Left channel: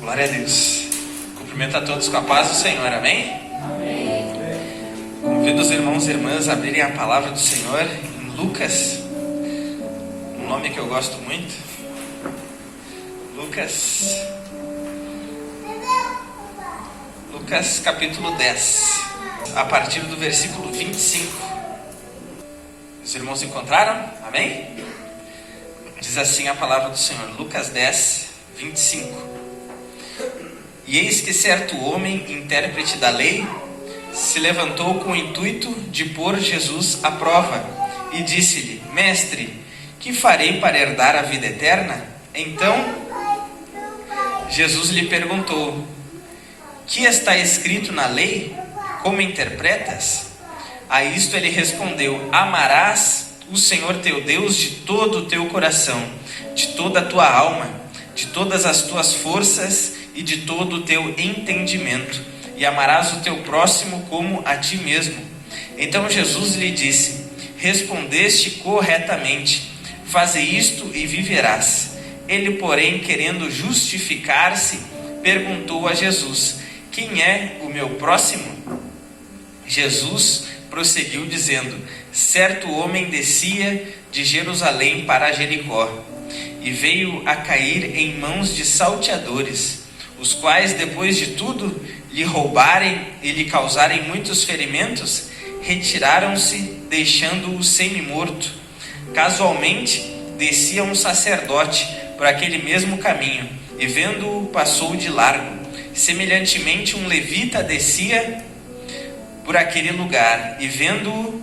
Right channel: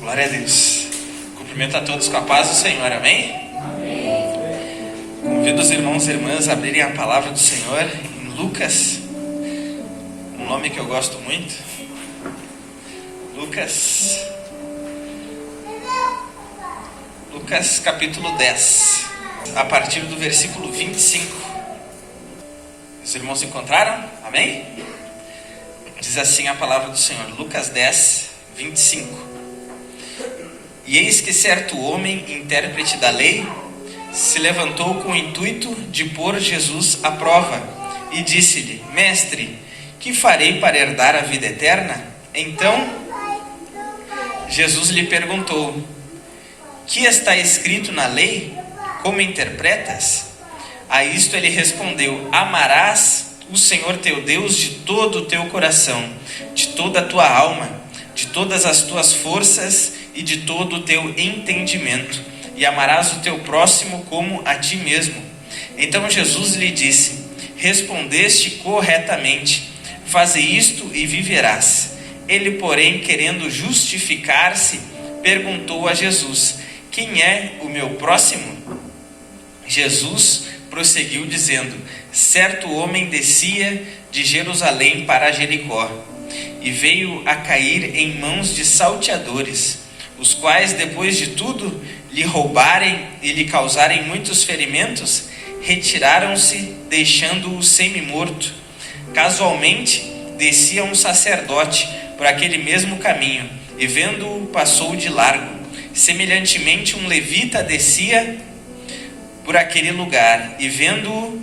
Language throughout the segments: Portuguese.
Glória a Deus. Cumprimento a todos com a paz do Senhor, amém? Convido os irmãos e irmãs a abrirem a palavra do Senhor em Lucas, um nome que eu gosto muito. Lucas capítulo 10, a partir do versículo 25. Os irmãos encontraram? Amém? Diz assim a palavra do Senhor, Lucas 10, 25. E eis que certo homem, intérprete da lei, se levantou com o intuito de pôr Jesus à prova e disse-lhe: Mestre, que farei para herdar a vida eterna? Então Jesus lhe perguntou: Que está escrito na lei? Como interpretas? A isto ele respondeu: Amarás o Senhor teu Deus de todo o teu coração, de toda a tua alma, de todas as tuas forças e de todo o teu entendimento, e amarás o teu próximo como a ti mesmo. Então Jesus lhe disse: Respondeste corretamente, faze isto e viverás. Ele, porém, querendo justificar-se, perguntou a Jesus: Quem é o meu próximo? Jesus prosseguiu dizendo: Certo homem descia de Jerusalém para Jericó, e veio a cair em mãos de salteadores, os quais, depois de tudo lhe roubarem e lhe causarem muitos ferimentos, retiraram-se, deixando-o semi-morto. Casualmente descia um sacerdote por aquele mesmo caminho, e vendo-o passou de largo. Semelhantemente um levita descia por aquele lugar, e vendo-o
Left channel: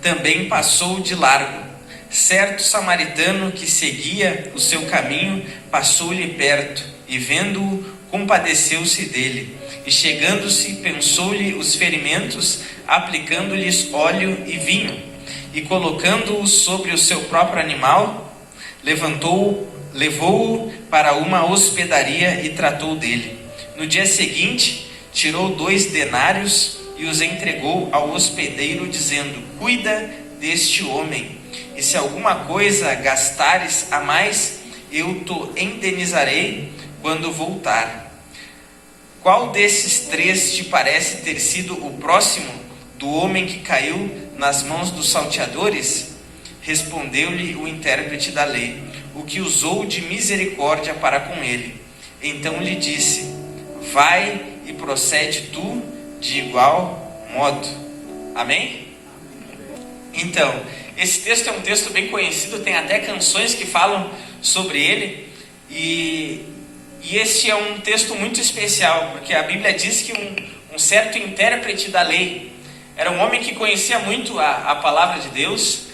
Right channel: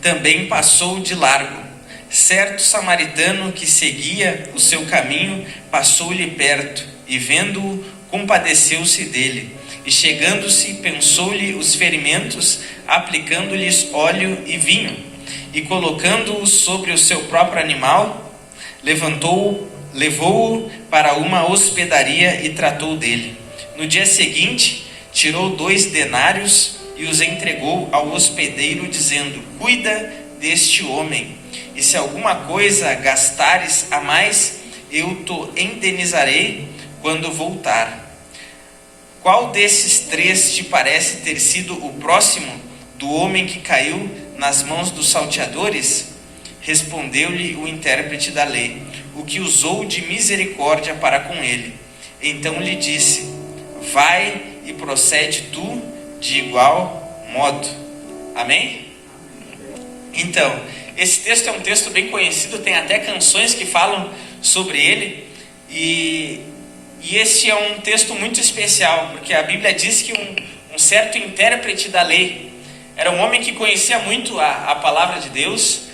também passou de largo. Certo samaritano que seguia o seu caminho passou-lhe perto, e vendo-o compadeceu-se dele, e chegando-se pensou-lhe os ferimentos, aplicando-lhes óleo e vinho, e colocando-o sobre o seu próprio animal, levou-o para uma hospedaria e tratou dele. No dia seguinte tirou 2 denários e os entregou ao hospedeiro, dizendo: Cuida deste homem, e se alguma coisa gastares a mais, eu te indenizarei quando voltar. Qual desses 3 te parece ter sido o próximo do homem que caiu nas mãos dos salteadores? Respondeu-lhe o intérprete da lei: O que usou de misericórdia para com ele. Então lhe disse: Vai e procede tu de igual modo. Amém? Então, esse texto é um texto bem conhecido, tem até canções que falam sobre ele, e esse é um texto muito especial, porque a Bíblia diz que um certo intérprete da lei era um homem que conhecia muito a palavra de Deus,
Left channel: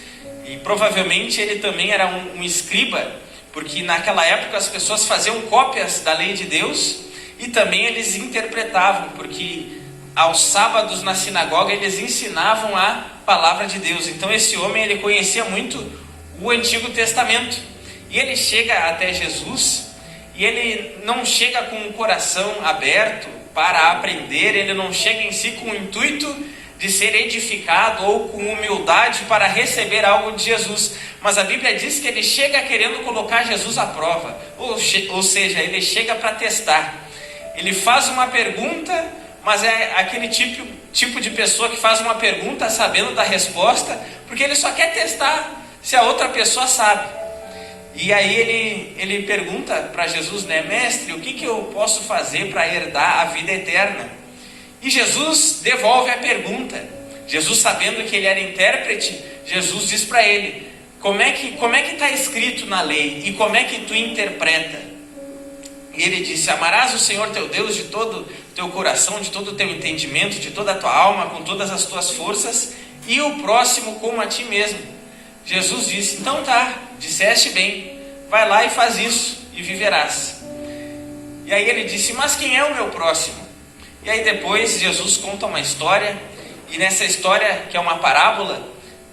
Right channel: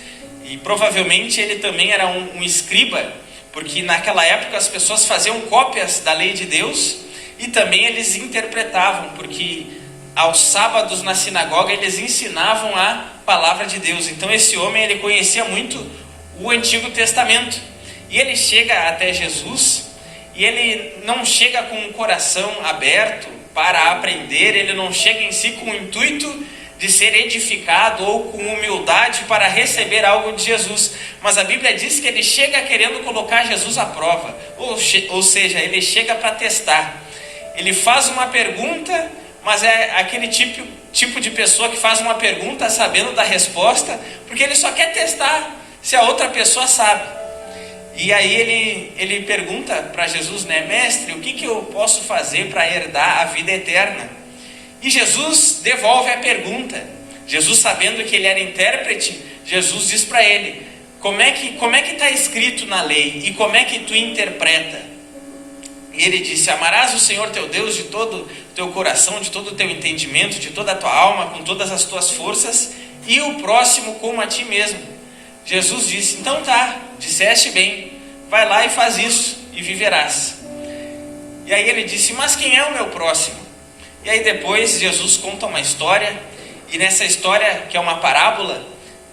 e provavelmente ele também era um escriba, porque naquela época as pessoas faziam cópias da lei de Deus, e também eles interpretavam, porque aos sábados na sinagoga eles ensinavam a palavra de Deus. Então esse homem, ele conhecia muito o Antigo Testamento, e ele chega até Jesus, e ele não chega com o coração aberto para aprender, ele não chega em si com o intuito de ser edificado ou com humildade para receber algo de Jesus, mas a Bíblia diz que ele chega querendo colocar Jesus à prova, ou seja, ele chega para testar. Ele faz uma pergunta, mas é aquele tipo de pessoa que faz uma pergunta sabendo da resposta, porque ele só quer testar se a outra pessoa sabe. E aí ele pergunta para Jesus, né? Mestre, o que eu posso fazer para herdar a vida eterna? E Jesus devolve a pergunta. Jesus, sabendo que ele era intérprete, Jesus diz para ele: como é que está escrito na lei e como é que tu interpreta? E ele disse: Amarás o Senhor teu Deus de todo o teu coração, de todo o teu entendimento, de toda a tua alma, com todas as tuas forças, e o próximo como a ti mesmo. Jesus disse: Então tá, disseste bem, vai lá e faz isso e viverás. E aí ele disse: Mas quem é o meu próximo? E aí depois Jesus conta uma história, e nessa história, que é uma parábola,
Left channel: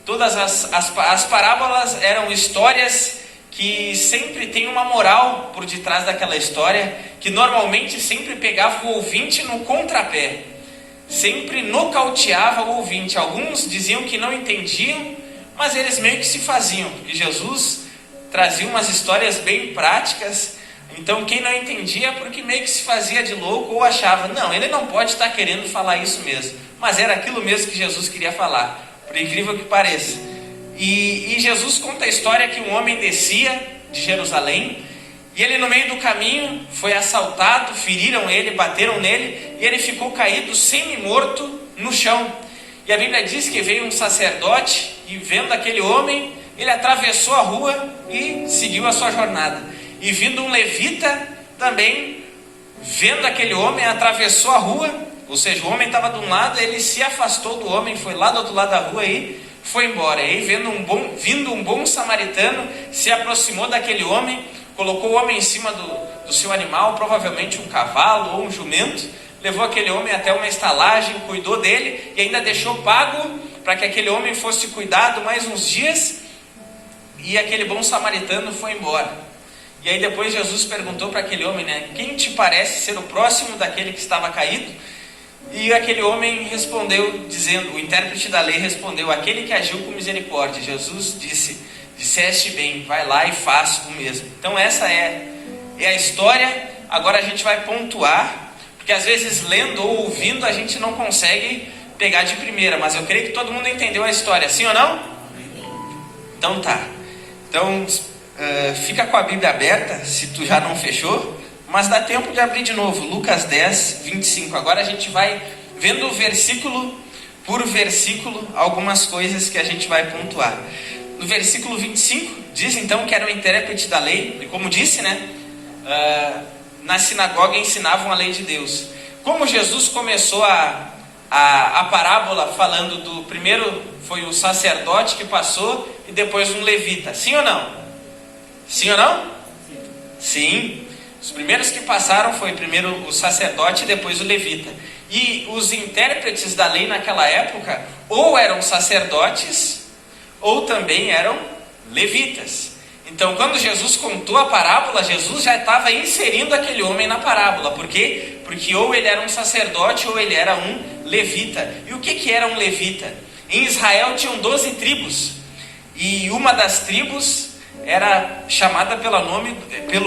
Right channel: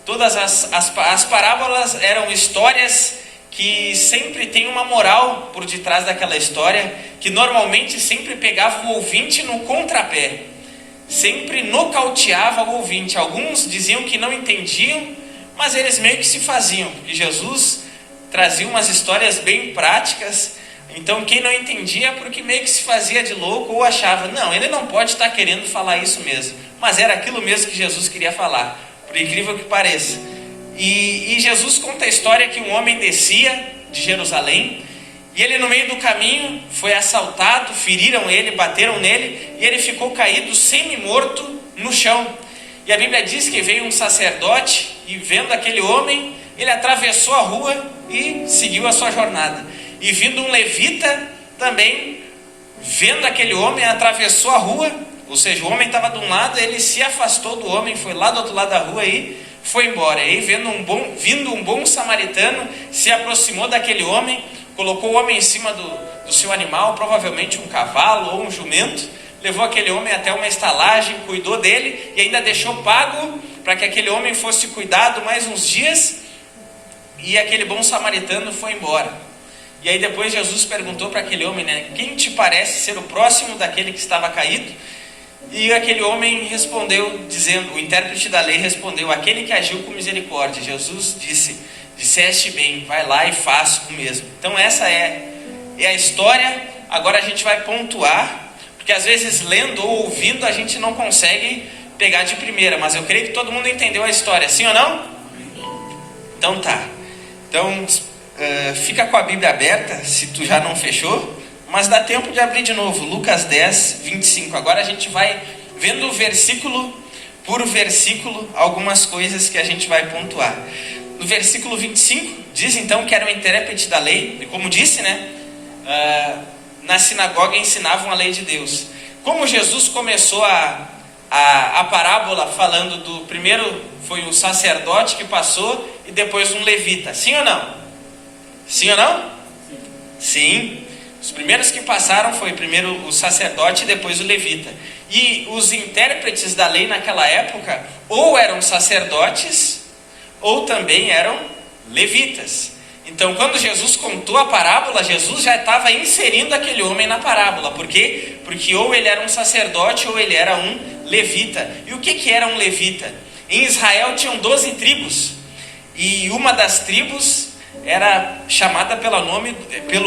todas as parábolas eram histórias que sempre tem uma moral por detrás daquela história, que normalmente sempre pegava o ouvinte no contrapé, sempre nocauteava o ouvinte. Alguns diziam que não entendiam, mas eles meio que se faziam, porque Jesus trazia umas histórias bem práticas, Então quem não entendia, porque meio que se fazia de louco ou achava, não, ele não pode estar querendo falar isso mesmo. Mas era aquilo mesmo que Jesus queria falar, por incrível que pareça. E Jesus conta a história que um homem descia de Jerusalém, e ele no meio do caminho foi assaltado, feriram ele, bateram nele, e ele ficou caído semi-morto no chão. E a Bíblia diz que veio um sacerdote, e vendo aquele homem, ele atravessou a rua e seguiu a sua jornada. E vindo um levita também, vendo aquele homem, atravessou a rua, ou seja, o homem estava de um lado, ele se afastou do homem, foi lá do outro lado da rua e foi embora. E aí vindo um bom samaritano, se aproximou daquele homem, colocou o homem em cima do seu animal, provavelmente um cavalo ou um jumento, levou aquele homem até uma estalagem, cuidou dele e ainda deixou pago para que aquele homem fosse cuidado mais uns dias, e aquele bom samaritano foi embora. E aí depois Jesus perguntou para aquele homem, né, quem te parece ser o próximo daquele que estava caído? E aquele homem respondeu, dizendo, o intérprete da lei respondeu, aquele que agiu com misericórdia. Jesus disse, disseste bem, vai lá e faz o mesmo. Então essa é a história. Agora a gente vai pontuar, porque às vezes lendo ou ouvindo a gente não consegue pegar de primeira, mas eu creio que todo mundo entendeu a história, sim ou não? Então tá. Então fica com a Bíblia aberta, se tu já não fechou, mas dá tempo de abrir de novo, Lucas 10, 25. Agora a gente vai vendo versículo por versículo algumas coisas que a gente vai pontuar. No versículo 25, diz então que era o intérprete da lei, e como disse, né, na sinagoga ensinavam a lei de Deus. Como Jesus começou a parábola falando do primeiro foi o sacerdote que passou e depois um levita, sim ou não? Sim ou não? Sim. Os primeiros que passaram foi primeiro o sacerdote e depois o levita. E os intérpretes da lei naquela época ou eram sacerdotes ou também eram levitas. Então quando Jesus contou a parábola, Jesus já estava inserindo aquele homem na parábola. Por quê? Porque ou ele era um sacerdote ou ele era um levita. E o que era um levita? Em Israel tinham 12 tribos. E uma das tribos era chamada pelo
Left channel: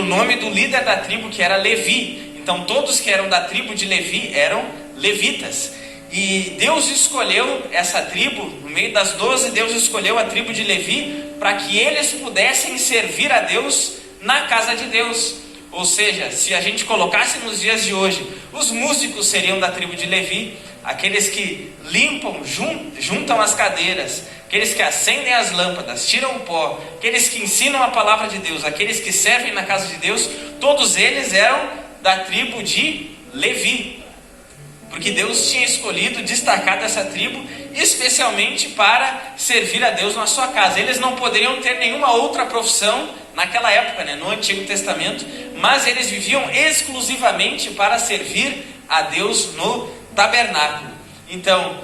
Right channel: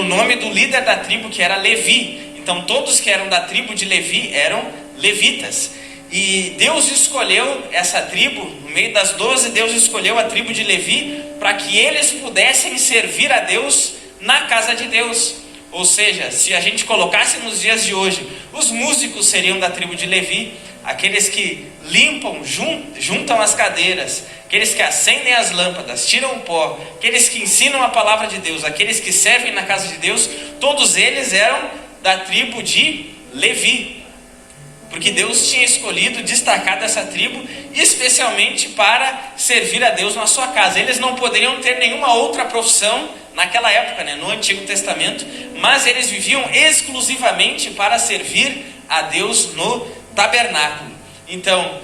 nome do líder da tribo, que era Levi. Então todos que eram da tribo de Levi eram levitas. E Deus escolheu essa tribo, no meio das 12, Deus escolheu a tribo de Levi para que eles pudessem servir a Deus na casa de Deus. Ou seja, se a gente colocasse nos dias de hoje, os músicos seriam da tribo de Levi, aqueles que limpam, juntam as cadeiras, aqueles que acendem as lâmpadas, tiram o pó, aqueles que ensinam a palavra de Deus, aqueles que servem na casa de Deus, todos eles eram da tribo de Levi. Porque Deus tinha escolhido, destacado essa tribo, especialmente para servir a Deus na sua casa. Eles não poderiam ter nenhuma outra profissão naquela época, né, no Antigo Testamento, mas eles viviam exclusivamente para servir a Deus no tabernáculo. Então,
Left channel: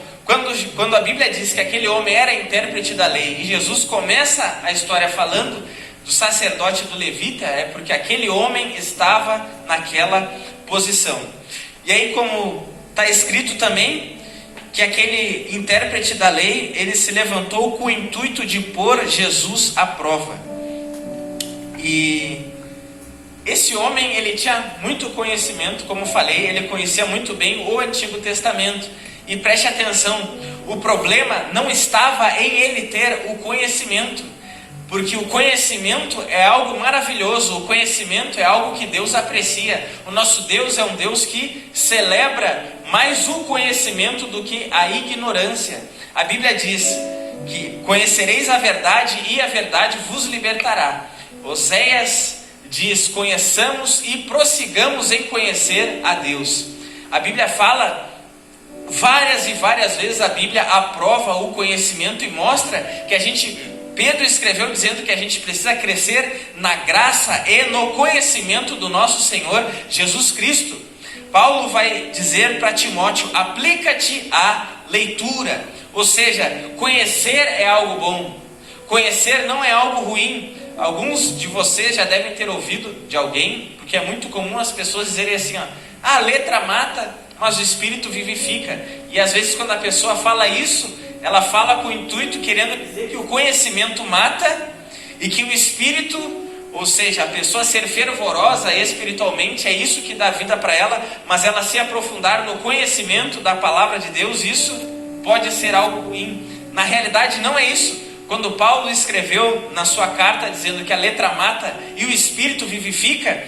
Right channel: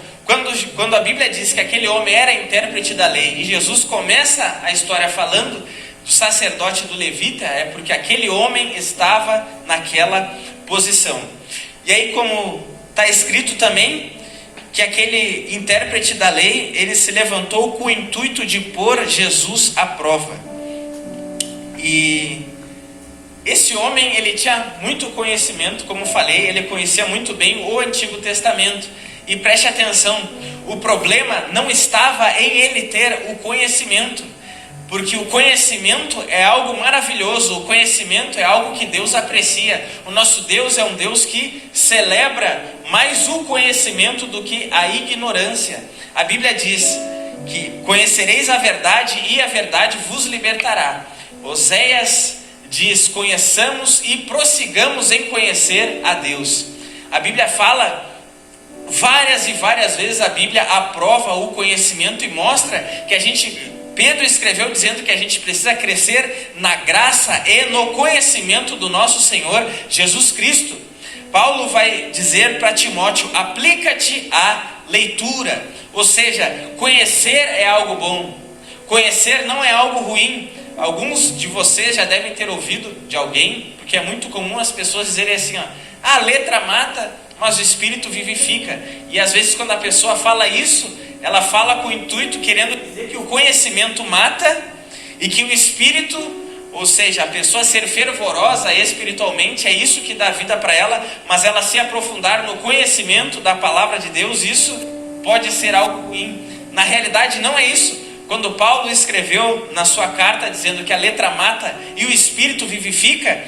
quando a Bíblia diz que aquele homem era intérprete da lei, e Jesus começa a história falando do sacerdote do levita, é porque aquele homem estava naquela posição. E aí, como está escrito também que aquele intérprete da lei, ele se levantou com o intuito de pôr Jesus à prova. E esse homem, ele tinha muito conhecimento, como falei, ele conhecia muito bem o Antigo Testamento. E preste atenção, o problema não estava em ele ter o conhecimento, porque o conhecimento é algo maravilhoso, o conhecimento é algo que Deus aprecia. O nosso Deus é um Deus que celebra mais o conhecimento do que a ignorância. A Bíblia diz que conhecereis a verdade e a verdade vos libertará. Oséias diz, conheçamos e prossigamos em conhecer a Deus. A Bíblia fala várias e várias vezes, a Bíblia aprova o conhecimento e mostra que Pedro escreveu dizendo que a gente precisa crescer na graça e no conhecimento do nosso Senhor Jesus Cristo. Paulo vai dizer para Timóteo, aplica-te à leitura, ou seja, conhecer é algo bom, conhecer não é algo ruim. Alguns de vocês já devem ter ouvido de alguém, porque é muito comum as pessoas dizerem assim, a letra mata, mas o Espírito vivifica. E às vezes quando a pessoa fala isso, ela fala com o intuito, querendo dizer que o conhecimento mata e que o Espírito, Ou seja, a pessoa ser fervorosa espiritualmente é isso que dá vida para ela, mas ela se aprofundar no conhecimento da palavra de Deus, isso pode ser algo ruim. Na realidade não é isso. Quando Paulo escreveu na sua carta dizendo que a letra mata e o espírito vivifica,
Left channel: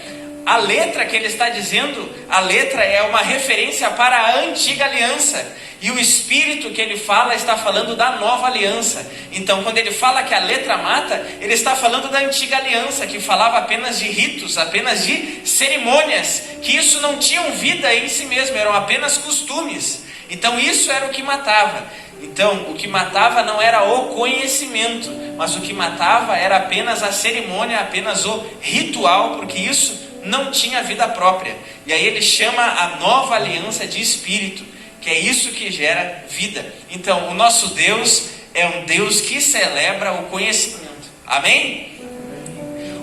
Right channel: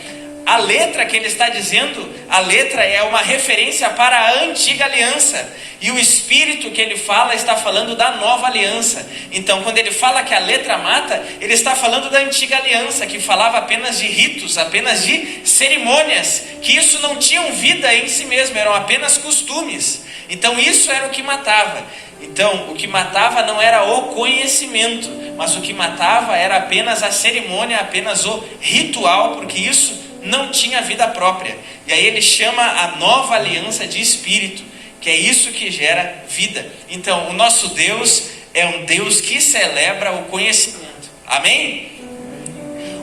a letra que ele está dizendo, a letra é uma referência para a antiga aliança. E o espírito que ele fala está falando da nova aliança. Então, quando ele fala que a letra mata, ele está falando da antiga aliança, que falava apenas de ritos, apenas de cerimônias, que isso não tinham vida em si mesmo, eram apenas costumes. Então, isso era o que matava. Então, o que matava não era o conhecimento, mas o que matava era apenas a cerimônia, apenas o ritual, porque isso não tinha vida própria. E aí ele chama a nova aliança de espírito, que é isso que gera vida. Então, o nosso Deus é um Deus que celebra o conhecimento. Amém?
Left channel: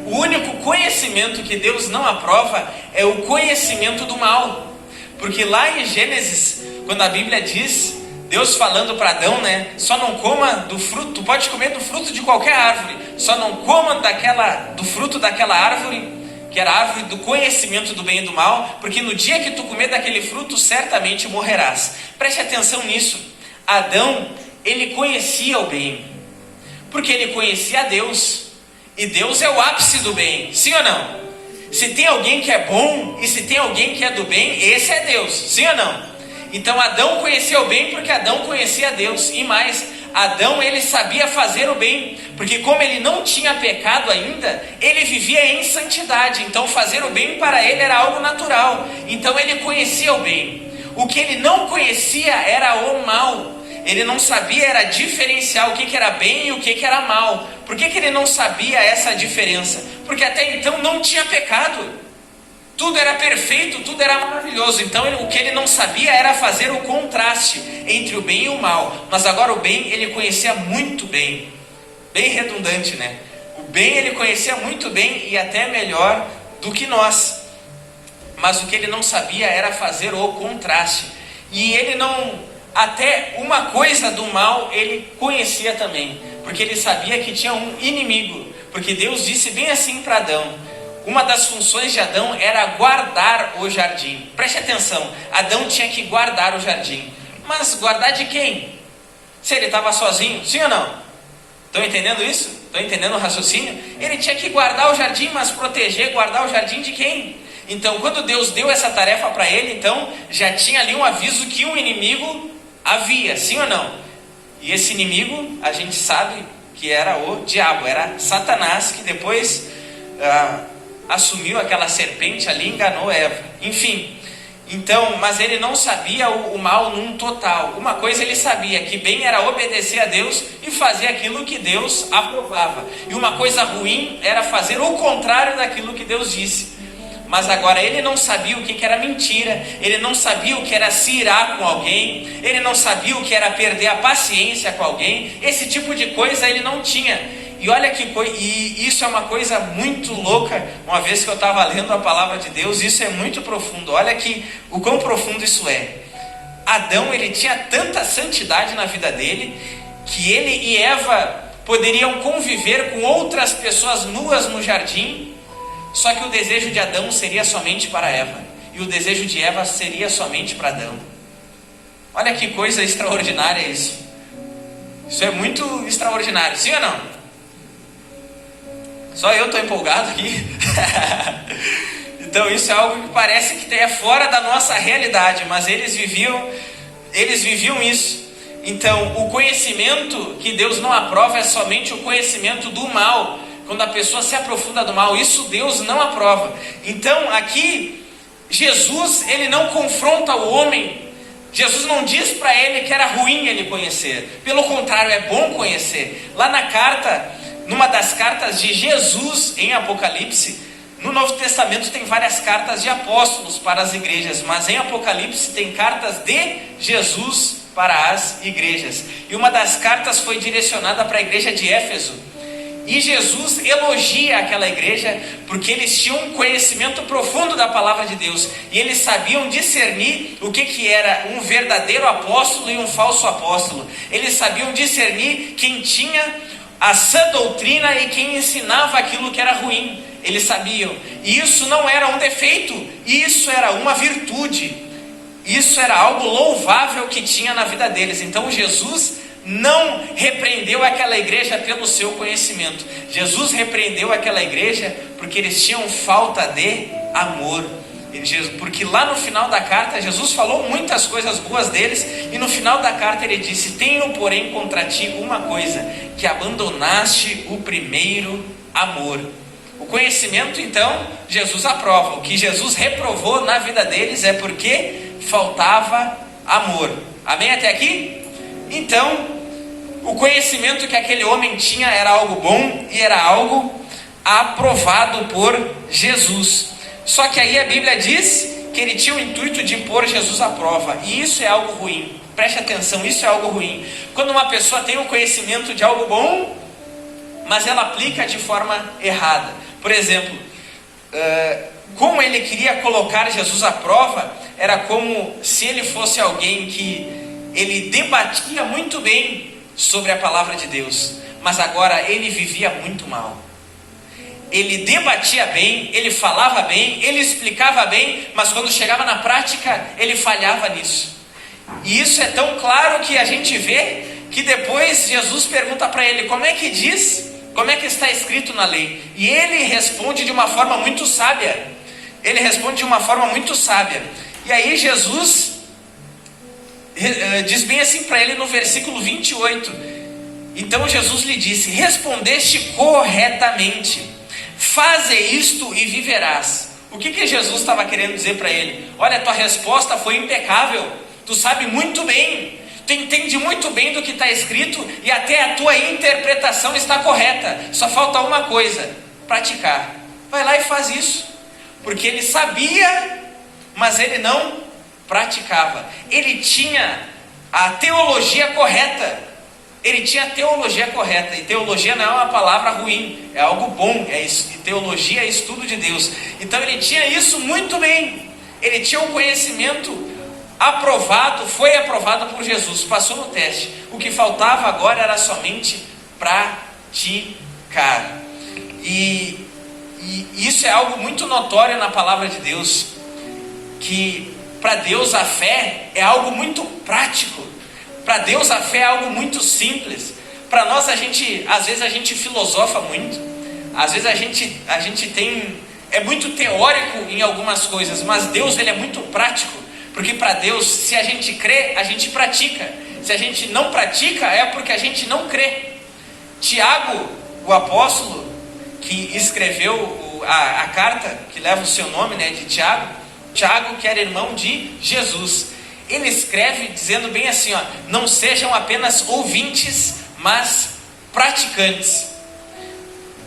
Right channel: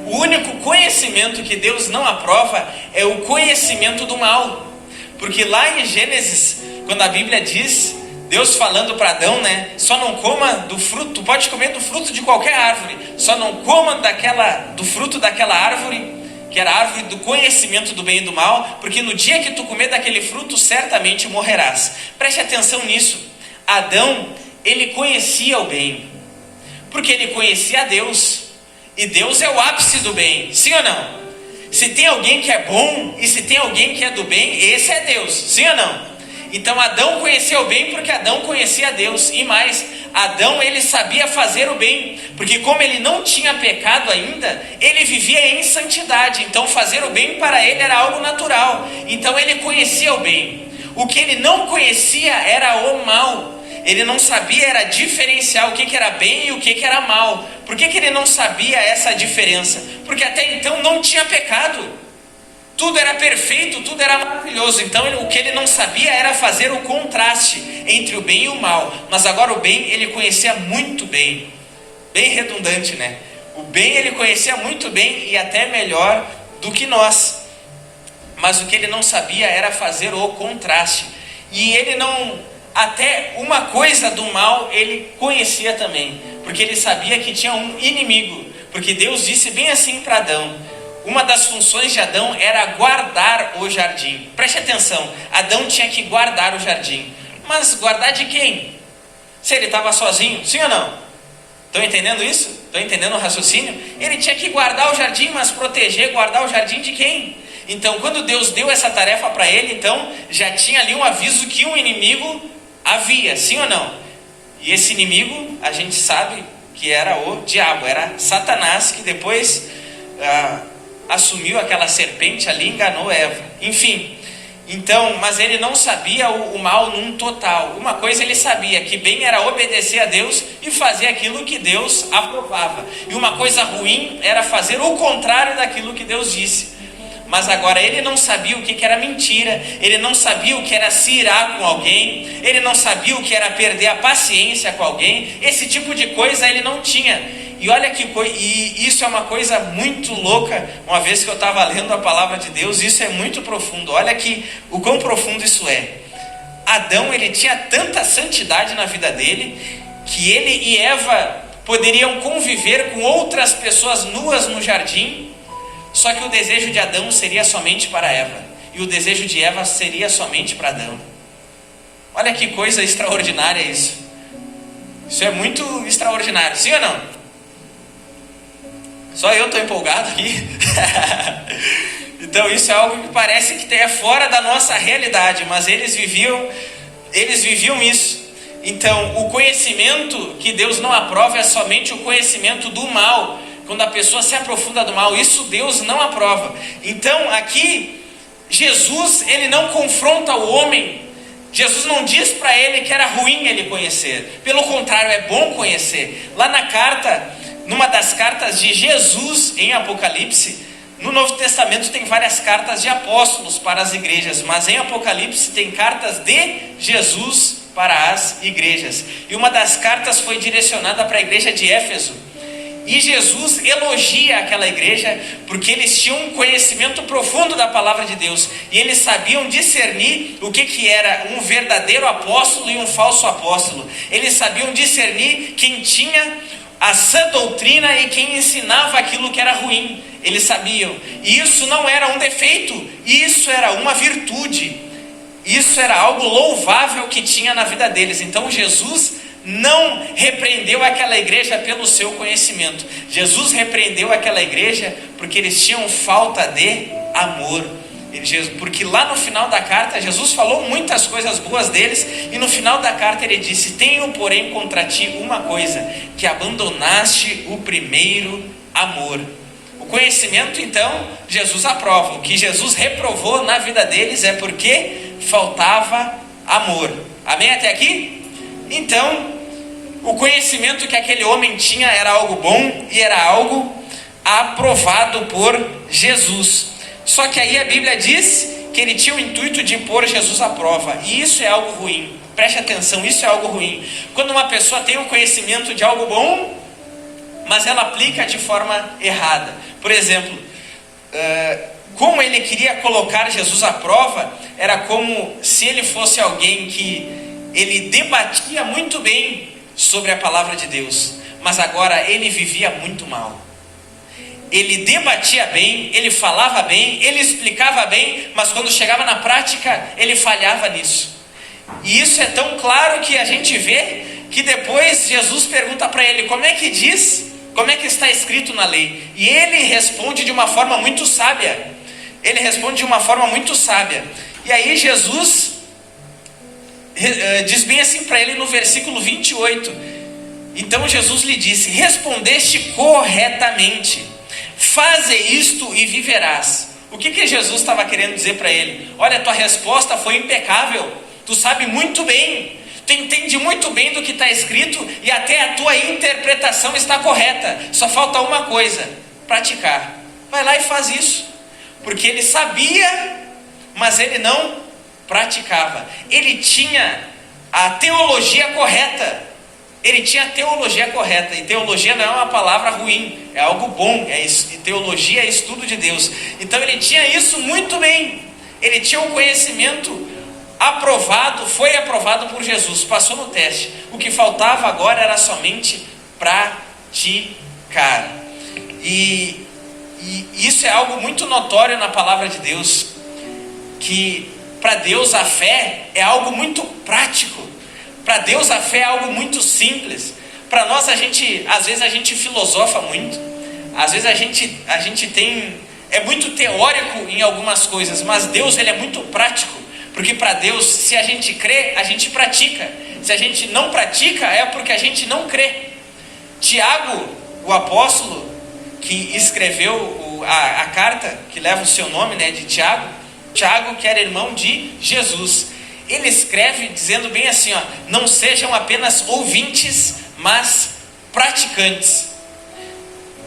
O único conhecimento que Deus não aprova é o conhecimento do mal. Porque lá em Gênesis, quando a Bíblia diz, Deus falando para Adão, né? Só não coma do fruto, tu pode comer do fruto de qualquer árvore, só não coma do fruto daquela árvore, que era a árvore do conhecimento do bem e do mal, porque no dia que tu comer daquele fruto, certamente morrerás. Preste atenção nisso. Adão, ele conhecia o bem, porque ele conhecia a Deus, e Deus é o ápice do bem, sim ou não? Se tem alguém que é bom, e se tem alguém que é do bem, esse é Deus, sim ou não? Então Adão conhecia o bem porque Adão conhecia Deus, e mais, Adão ele sabia fazer o bem, porque como ele não tinha pecado ainda, ele vivia em santidade, então fazer o bem para ele era algo natural, então ele conhecia o bem. O que ele não conhecia era o mal, ele não sabia era diferenciar o que era bem e o que era mal. Por que ele não sabia essa diferença? Porque até então não tinha pecado. Tudo era perfeito, tudo era maravilhoso. Então o que ele não sabia era fazer o contraste entre o bem e o mal. Mas agora o bem ele conhecia muito bem. Bem redundante, né? O bem ele conhecia muito bem e até melhor do que nós. Mas o que ele não sabia era fazer o contraste. E ele não... Até uma coisa do mal ele conhecia também. Porque ele sabia que tinha um inimigo. Porque Deus disse bem assim para Adão. Uma das funções de Adão era guardar o jardim. Preste atenção, Adão tinha que guardar o jardim. Mas guardar de quem? Se ele estava sozinho, sim ou não? Estão entendendo isso? Estão entendendo o raciocínio? Ele tinha que guardar o jardim, mas proteger, guardar o jardim de quem? Então, quando Deus deu essa tarefa para ele, então, já tinha ali um aviso que um inimigo havia, sim ou não? E esse inimigo, a gente sabe que era o diabo, era Satanás, que depois... assumiu aquela serpente ali, enganou Eva. Enfim, então, mas ele não sabia o mal num total. Uma coisa ele sabia, que bem era obedecer a Deus e fazer aquilo que Deus aprovava. E uma coisa ruim era fazer o contrário daquilo que Deus disse. Mas agora ele não sabia o que era mentira, ele não sabia o que era se irar com alguém, ele não sabia o que era perder a paciência com alguém. Esse tipo de coisa ele não tinha. E olha que coisa, e isso é uma coisa muito louca. Uma vez que eu estava lendo a palavra de Deus, isso é muito profundo. Olha que o quão profundo isso é. Adão, ele tinha tanta santidade na vida dele, que ele e Eva poderiam conviver com outras pessoas nuas no jardim, só que o desejo de Adão seria somente para Eva, e o desejo de Eva seria somente para Adão. Olha que coisa extraordinária isso. Isso é muito extraordinário, sim ou não? Só eu estou empolgado aqui. Então isso é algo que parece que é fora da nossa realidade, mas eles viviam isso. Então o conhecimento que Deus não aprova é somente o conhecimento do mal. Quando a pessoa se aprofunda do mal, isso Deus não aprova. Então aqui Jesus, ele não confronta o homem. Jesus não diz para ele que era ruim ele conhecer. Pelo contrário, é bom conhecer. Lá na carta, numa das cartas de Jesus em Apocalipse, no Novo Testamento tem várias cartas de apóstolos para as igrejas, mas em Apocalipse tem cartas de Jesus para as igrejas. E uma das cartas foi direcionada para a igreja de Éfeso. E Jesus elogia aquela igreja porque eles tinham um conhecimento profundo da palavra de Deus. E eles sabiam discernir o que era um verdadeiro apóstolo e um falso apóstolo. Eles sabiam discernir quem tinha a sã doutrina e quem ensinava aquilo que era ruim. eles sabiam. E isso não era um defeito, isso era uma virtude. Isso era algo louvável que tinha na vida deles. Então Jesus não repreendeu aquela igreja pelo seu conhecimento. Jesus repreendeu aquela igreja porque eles tinham falta de amor. Porque lá no final da carta, Jesus falou muitas coisas boas deles, e no final da carta ele disse: tenho porém contra ti uma coisa, que abandonaste o primeiro amor. O conhecimento, então, Jesus aprova. O que Jesus reprovou na vida deles é porque faltava amor. Amém até aqui? Então, o conhecimento que aquele homem tinha era algo bom e era algo aprovado por Jesus. Só que aí a Bíblia diz que ele tinha o intuito de pôr Jesus à prova, e isso é algo ruim. Preste atenção, isso é algo ruim. Quando uma pessoa tem um conhecimento de algo bom, mas ela aplica de forma errada. Por exemplo, como ele queria colocar Jesus à prova, era como se ele fosse alguém que ele debatia muito bem sobre a palavra de Deus, mas agora ele vivia muito mal. Ele debatia bem, ele falava bem, ele explicava bem, mas quando chegava na prática, ele falhava nisso. E isso é tão claro que a gente vê que depois Jesus pergunta para ele: como é que diz? Como é que está escrito na lei? E ele responde de uma forma muito sábia. Ele responde de uma forma muito sábia. E aí Jesus diz bem assim para ele no versículo 28. Então Jesus lhe disse: respondeste corretamente. Faze isto e viverás. O que Jesus estava querendo dizer para ele? Olha, tua resposta foi impecável. Tu sabe muito bem. Tu entende muito bem do que está escrito e até a tua interpretação está correta. Só falta uma coisa: praticar. Vai lá e faz isso. Porque ele sabia, mas ele não praticava. Ele tinha a teologia correta. Ele tinha a teologia correta. E teologia não é uma palavra ruim, é algo bom. Teologia é estudo de Deus. Então ele tinha isso muito bem. Ele tinha um conhecimento aprovado, foi aprovado por Jesus, passou no teste. O que faltava agora era somente praticar. E isso é algo muito notório na palavra de Deus, que para Deus a fé é algo muito prático. Para Deus a fé é algo muito simples. Para nós às vezes a gente filosofa muito, às vezes a gente é muito teórico em algumas coisas, mas Deus ele é muito prático, porque para Deus, se a gente crê, a gente pratica. Se a gente não pratica, é porque a gente não crê. Tiago, o apóstolo que escreveu a carta que leva o seu nome, né, de Tiago, que era irmão de Jesus, ele escreve dizendo bem assim, ó: não sejam apenas ouvintes, mas praticantes.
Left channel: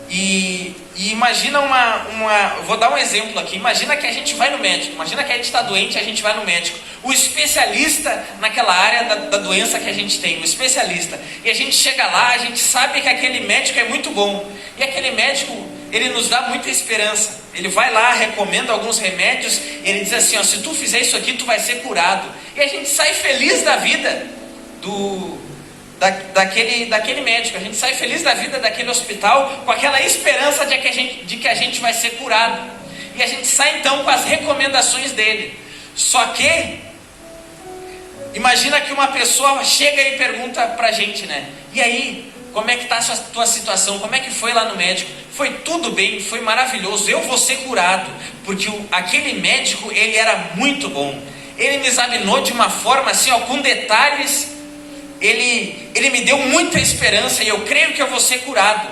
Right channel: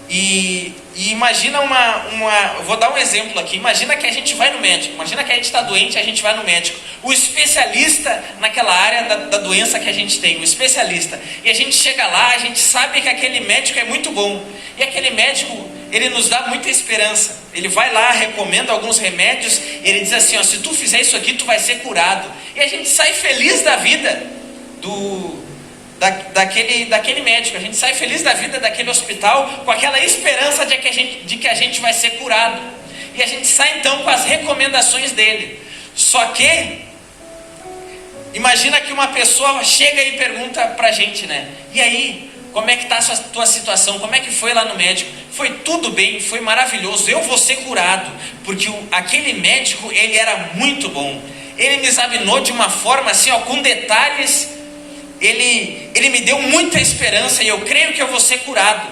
E imagina vou dar um exemplo aqui. Imagina que a gente vai no médico. Imagina que a gente está doente, a gente vai no médico. O especialista naquela área da doença que a gente tem, o especialista. E a gente chega lá, a gente sabe que aquele médico é muito bom. E aquele médico, ele nos dá muita esperança. Ele vai lá, recomenda alguns remédios. Ele diz assim, ó: se tu fizer isso aqui, tu vai ser curado. E a gente sai feliz da vida daquele médico. A gente sai feliz da vida daquele hospital com aquela esperança de que a gente vai ser curado. E a gente sai então com as recomendações dele. Só que imagina que uma pessoa chega e pergunta pra gente, né: e aí, como é que está a tua situação? Como é que foi lá no médico? Foi tudo bem, foi maravilhoso, eu vou ser curado. Porque aquele médico, ele era muito bom. Ele me examinou de uma forma assim, ó, com detalhes. Ele me deu muita esperança e eu creio que eu vou ser curado.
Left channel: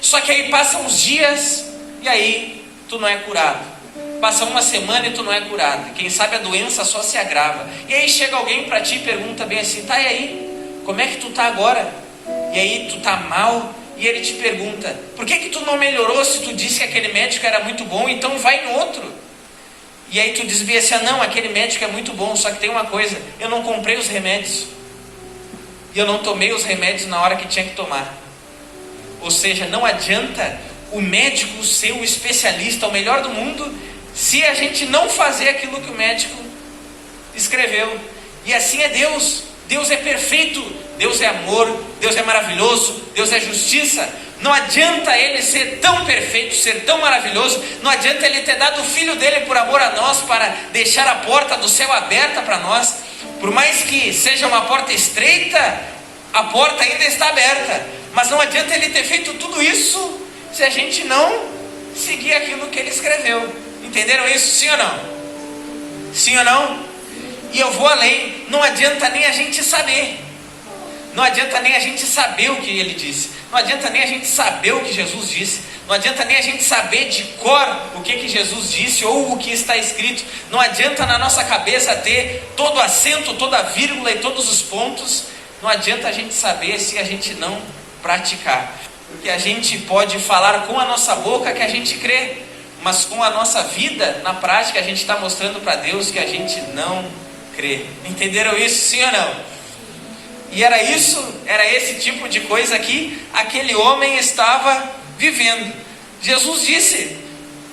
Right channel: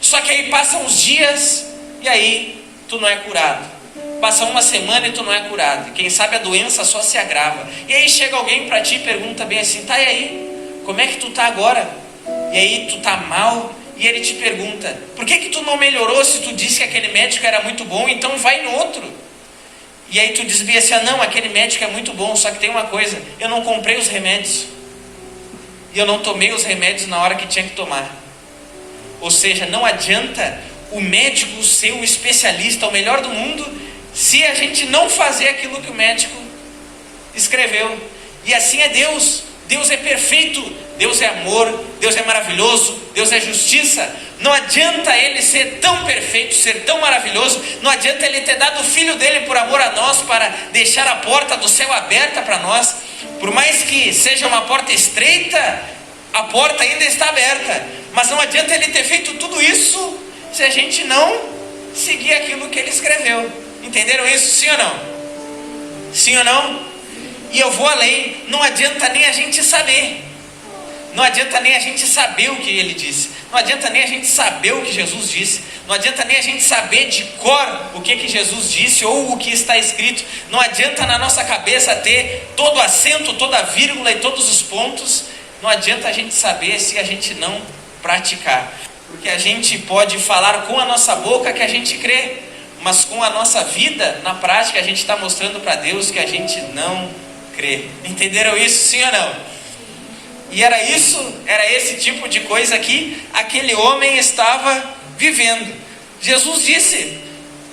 Só que aí passam uns dias e aí tu não é curado. Passa uma semana e tu não é curado. Quem sabe a doença só se agrava. E aí chega alguém para ti e pergunta bem assim: tá, e aí? Como é que tu tá agora? E aí tu tá mal. E ele te pergunta: por que tu não melhorou se tu disse que aquele médico era muito bom? Então vai em outro. E aí tu diz bem assim: ah, não, aquele médico é muito bom, só que tem uma coisa, eu não comprei os remédios. E eu não tomei os remédios na hora que tinha que tomar. Ou seja, não adianta o médico ser o especialista, o melhor do mundo, se a gente não fazer aquilo que o médico escreveu. E assim é Deus. Deus é perfeito, Deus é amor, Deus é maravilhoso, Deus é justiça. Não adianta ele ser tão perfeito, ser tão maravilhoso. Não adianta ele ter dado o filho dele por amor a nós, para deixar a porta do céu aberta para nós. Por mais que seja uma porta estreita, a porta ainda está aberta. Mas não adianta ele ter feito tudo isso se a gente não seguir aquilo que ele escreveu. Entenderam isso? Sim ou não? Sim ou não? E eu vou além. Não adianta nem a gente saber. Não adianta nem a gente saber o que ele disse. Não adianta nem a gente saber o que Jesus disse. Não adianta nem a gente saber de cor o que Jesus disse ou o que está escrito. Não adianta na nossa cabeça ter todo acento, toda vírgula e todos os pontos. Não adianta a gente saber se a gente não praticar. Porque a gente pode falar com a nossa boca que a gente crê, mas com a nossa vida, na prática, a gente está mostrando para Deus que a gente não crê. Entenderam isso, sim ou não? E era esse tipo de coisa que aquele homem estava vivendo. Jesus disse:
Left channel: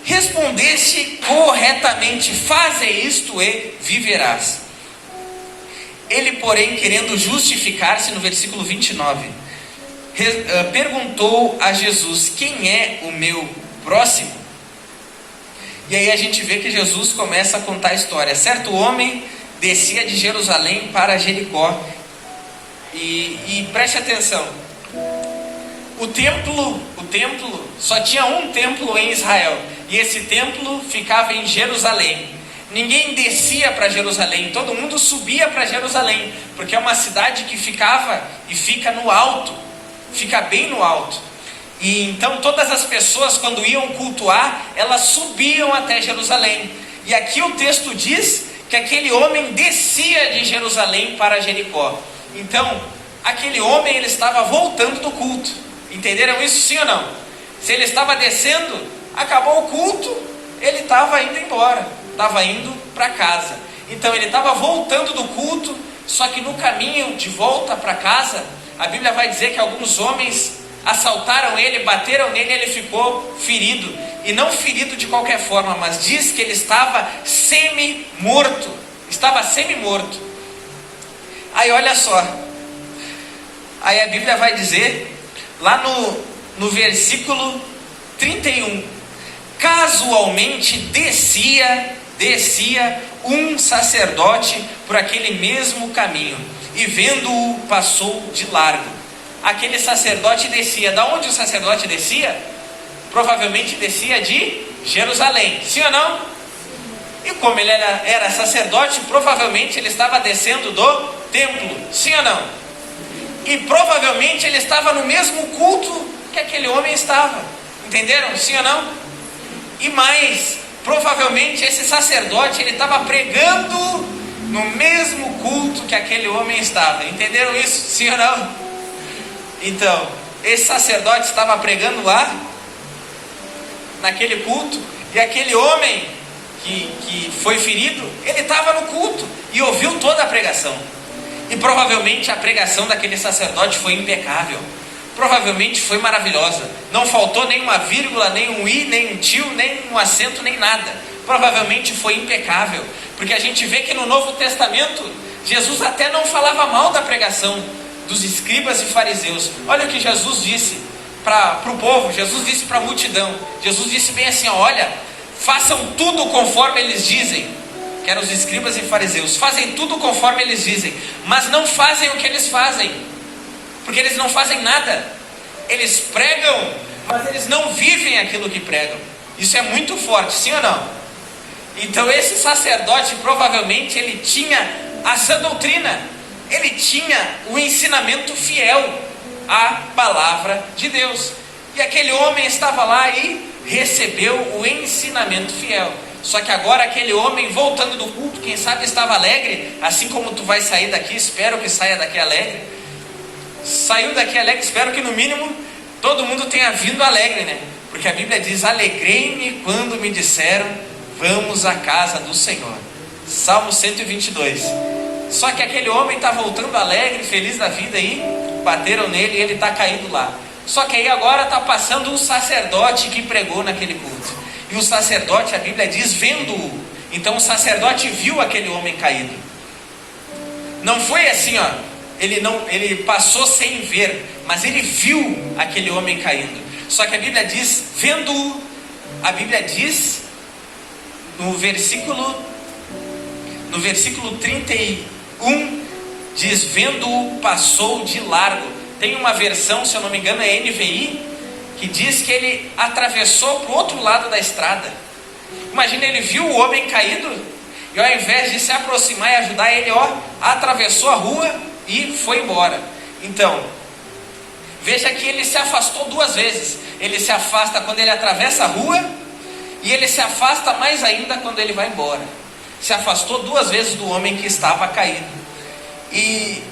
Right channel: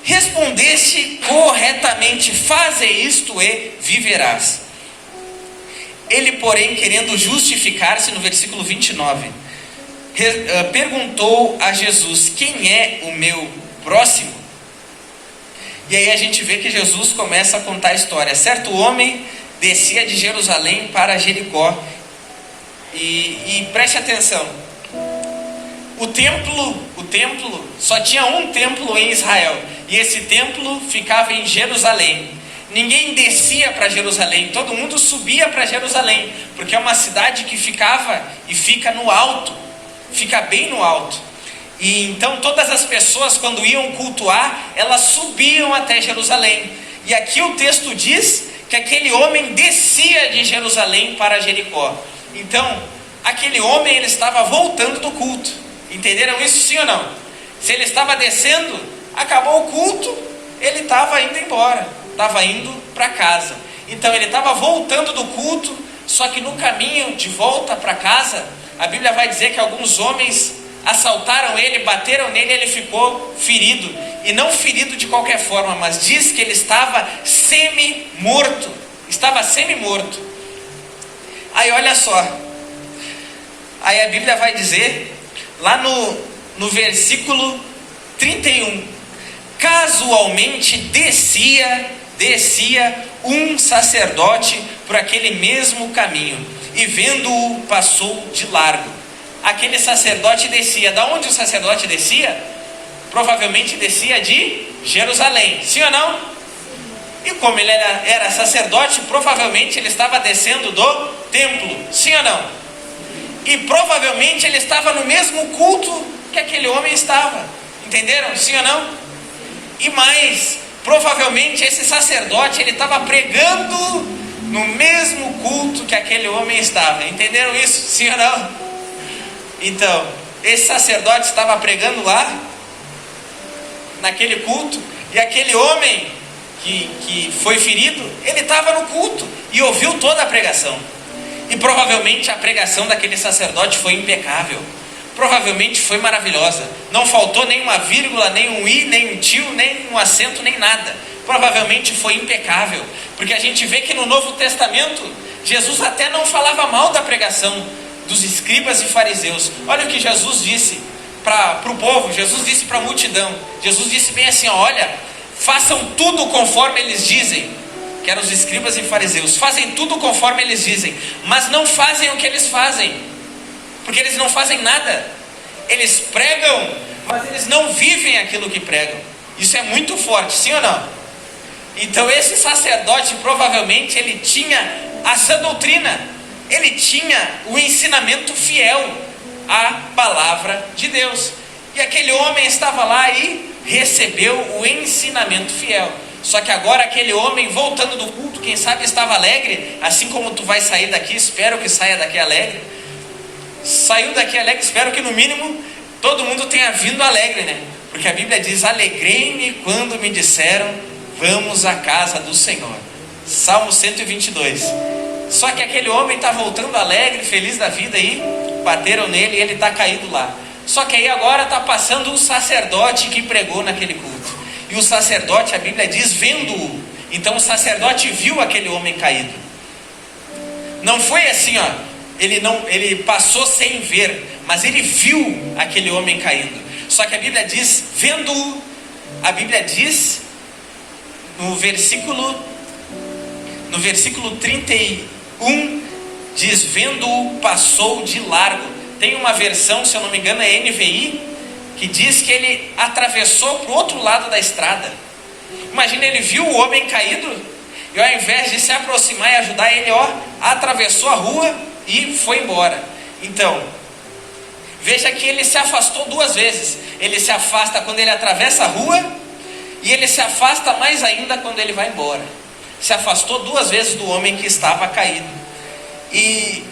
respondeste corretamente, faze isto e viverás. Ele, porém, querendo justificar-se, no versículo 29, perguntou a Jesus: quem é o meu próximo? E aí a gente vê que Jesus começa a contar a história. Certo homem descia de Jerusalém para Jericó. E preste atenção, o templo, só tinha um templo em Israel, e esse templo ficava em Jerusalém. Ninguém descia para Jerusalém, todo mundo subia para Jerusalém, porque é uma cidade que ficava e fica no alto, fica bem no alto. E então todas as pessoas, quando iam cultuar, elas subiam até Jerusalém. E aqui o texto diz que aquele homem descia de Jerusalém para Jericó. Então, aquele homem, ele estava voltando do culto. Entenderam isso, sim ou não? Se ele estava descendo, acabou o culto, ele estava indo embora, estava indo para casa. Então, ele estava voltando do culto, só que no caminho de volta para casa, a Bíblia vai dizer que alguns homens assaltaram ele, bateram nele, e ele ficou ferido. E não ferido de qualquer forma, mas diz que ele estava semi-morto. Estava semi-morto. Aí olha só, aí a Bíblia vai dizer, lá no versículo 31, casualmente descia um sacerdote por aquele mesmo caminho, e vendo-o passou de largo. Aquele sacerdote descia, da onde o sacerdote descia? Provavelmente descia de Jerusalém, sim ou não? E como ele era sacerdote, provavelmente ele estava descendo do templo, sim ou não? E provavelmente ele estava no mesmo culto que aquele homem estava. Entenderam? Sim ou não? E mais, provavelmente esse sacerdote, ele estava pregando no mesmo culto que aquele homem estava. Entenderam isso? Sim ou não? Então, esse sacerdote estava pregando lá, naquele culto, e aquele homem que foi ferido, ele estava no culto e ouviu toda a pregação. E provavelmente a pregação daquele sacerdote foi impecável, provavelmente foi maravilhosa, não faltou nem uma vírgula, nem um i, nem um tio, nem um acento, nem nada. Provavelmente foi impecável, porque a gente vê que no Novo Testamento Jesus até não falava mal da pregação dos escribas e fariseus. Olha o que Jesus disse para o povo. Jesus disse para a multidão, Jesus disse bem assim: olha, façam tudo conforme eles dizem. Que eram os escribas e fariseus. Fazem tudo conforme eles dizem, mas não fazem o que eles fazem, porque eles não fazem nada. Eles pregam, mas eles não vivem aquilo que pregam. Isso é muito forte, sim ou não? Então esse sacerdote, provavelmente, ele tinha a sã doutrina, ele tinha o ensinamento fiel à palavra de Deus. E aquele homem estava lá e recebeu o ensinamento fiel. Só que agora aquele homem, voltando do culto, quem sabe estava alegre, assim como tu vai sair daqui, espero que saia daqui alegre. Saiu daqui alegre, espero que no mínimo todo mundo tenha vindo alegre, né? Porque a Bíblia diz: alegrei-me quando me disseram, vamos à casa do Senhor. Salmo 122. Só que aquele homem está voltando alegre, feliz da vida, e bateram nele e ele está caído lá. Só que aí agora está passando um sacerdote que pregou naquele culto. E o sacerdote, a Bíblia diz, vendo-o. Então o sacerdote viu aquele homem caído. Não foi assim, ó, ele passou sem ver, mas ele viu aquele homem caindo. Só que a Bíblia diz, vendo-o, a Bíblia diz no versículo 31, diz, vendo-o, passou de largo. Tem uma versão, se eu não me engano é NVI, que diz que ele atravessou para o outro lado da estrada. Imagina, ele viu o homem caído, e ao invés de se aproximar e ajudar ele, atravessou a rua e foi embora. Então, veja que ele se afastou duas vezes. Ele se afasta quando ele atravessa a rua, e ele se afasta mais ainda quando ele vai embora. Se afastou duas vezes do homem que estava caído. E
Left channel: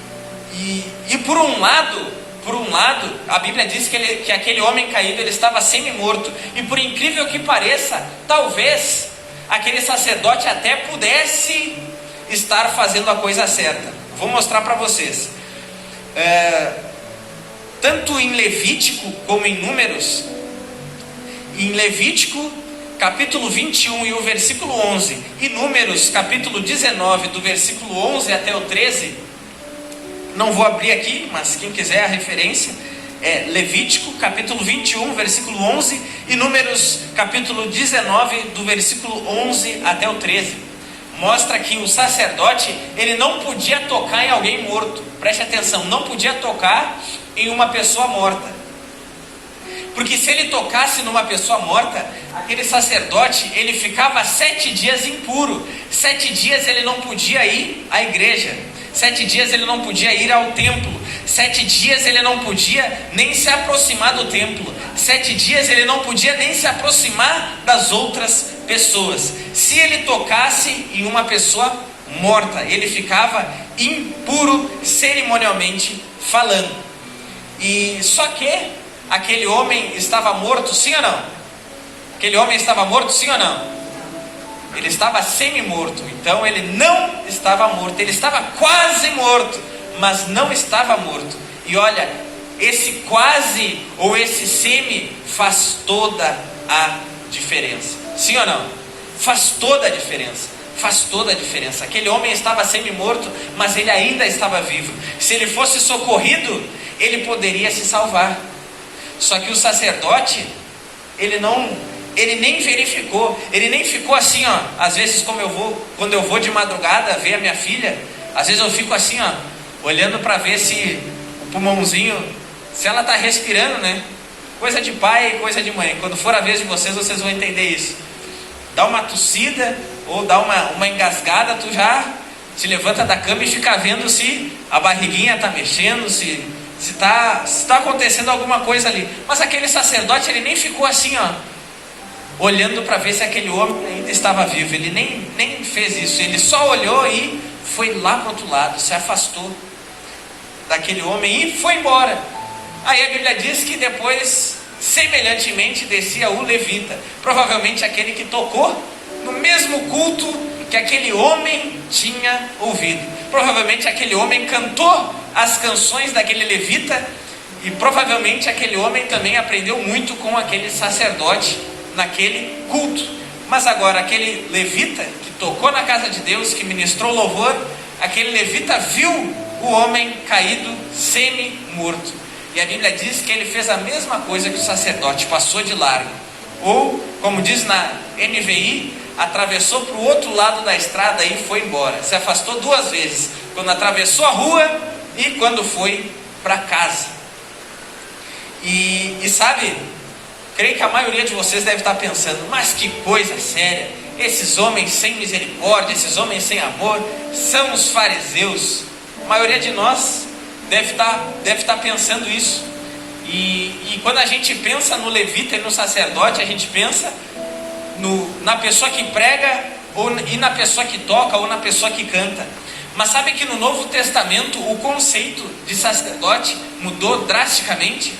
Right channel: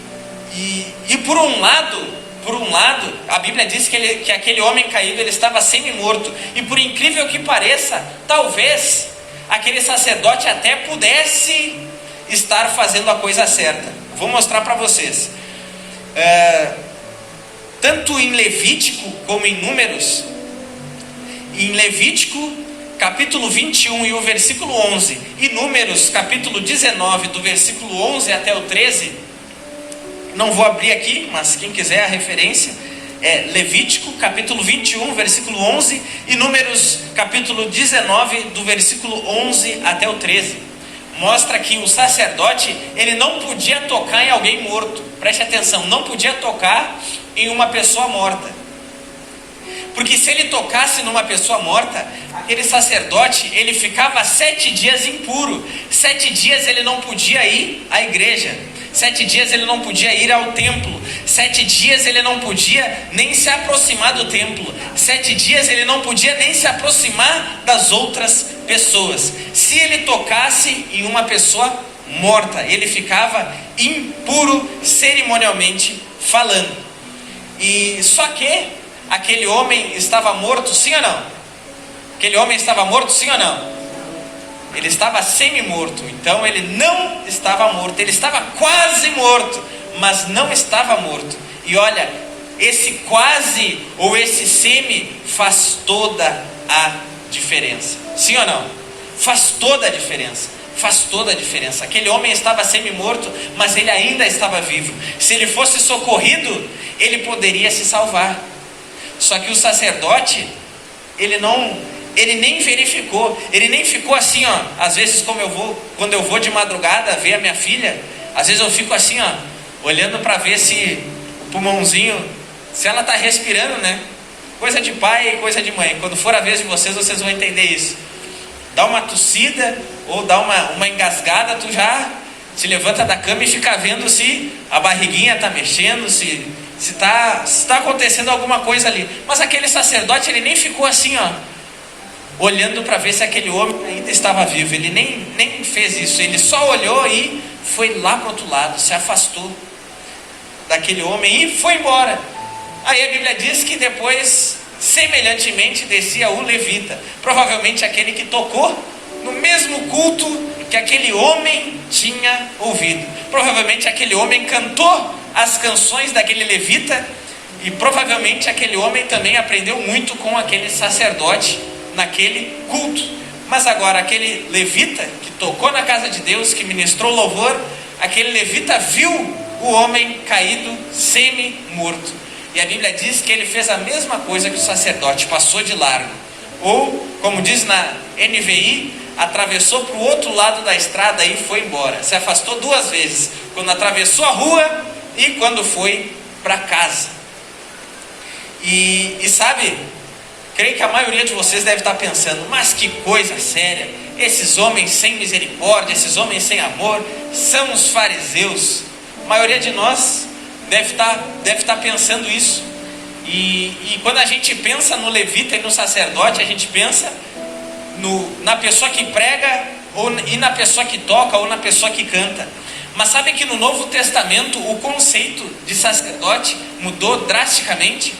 por um lado, a Bíblia diz que aquele homem caído, ele estava semi-morto. E por incrível que pareça, talvez aquele sacerdote até pudesse estar fazendo a coisa certa. Vou mostrar para vocês. Tanto em Levítico como em Números, em Levítico capítulo 21 e o versículo 11, e Números capítulo 19, do versículo 11 até o 13, não vou abrir aqui, mas quem quiser a referência, é Levítico capítulo 21, versículo 11, e Números capítulo 19, do versículo 11 até o 13. Mostra que o sacerdote, ele não podia tocar em alguém morto. Preste atenção, não podia tocar em uma pessoa morta. Porque se ele tocasse numa pessoa morta, aquele sacerdote, ele ficava 7 dias impuro. 7 dias ele não podia ir à igreja. 7 dias ele não podia ir ao templo. 7 dias ele não podia nem se aproximar do templo. 7 dias ele não podia nem se aproximar das outras pessoas. Se ele tocasse em uma pessoa morta, ele ficava impuro cerimonialmente falando. E só que aquele homem estava morto, sim ou não? Aquele homem estava morto, sim ou não? Ele estava semi-morto, então ele não estava morto, ele estava quase morto, mas não estava morto. E olha, esse quase ou esse semi faz toda a diferença, sim ou não? Faz toda a diferença. Faz toda a diferença. Aquele homem estava semi-morto, mas ele ainda estava vivo. Se ele fosse socorrido, ele poderia se salvar. Só que o sacerdote, ele nem verificou, ele nem ficou assim, às vezes quando eu vou de madrugada ver a minha filha, às vezes eu fico assim, olhando para ver se o pulmãozinho, se ela está respirando, né? Coisa de pai e coisa de mãe. Quando for a vez de vocês vão entender isso. Dá uma tossida ou dá uma engasgada, tu já se levanta da cama e fica vendo se a barriguinha está mexendo, se está acontecendo alguma coisa ali. Mas aquele sacerdote, ele nem ficou assim, olhando para ver se aquele homem ainda estava vivo. Ele nem fez isso. Ele só olhou e foi lá para o outro lado, se afastou daquele homem e foi embora. Aí a Bíblia diz que depois, semelhantemente, descia o levita, provavelmente aquele que tocou no mesmo culto que aquele homem tinha ouvido. Provavelmente aquele homem cantou as canções daquele levita, e provavelmente aquele homem também aprendeu muito com aquele sacerdote naquele culto. Mas agora aquele levita que tocou na casa de Deus, que ministrou louvor, aquele levita viu o homem caído semi-morto, e a Bíblia diz que ele fez a mesma coisa que o sacerdote, passou de largo. Ou, como diz na NVI, atravessou para o outro lado da estrada e foi embora. Se afastou 2 vezes, quando atravessou a rua e quando foi para casa. E sabe, creio que a maioria de vocês deve estar pensando, mas que coisa séria, esses homens sem misericórdia, esses homens sem amor, são os fariseus. A maioria de nós deve estar pensando isso. E quando a gente pensa no levita e no sacerdote, a gente pensa na pessoa que prega, e na pessoa que toca, ou na pessoa que canta. Mas sabe que no Novo Testamento o conceito de sacerdote mudou drasticamente?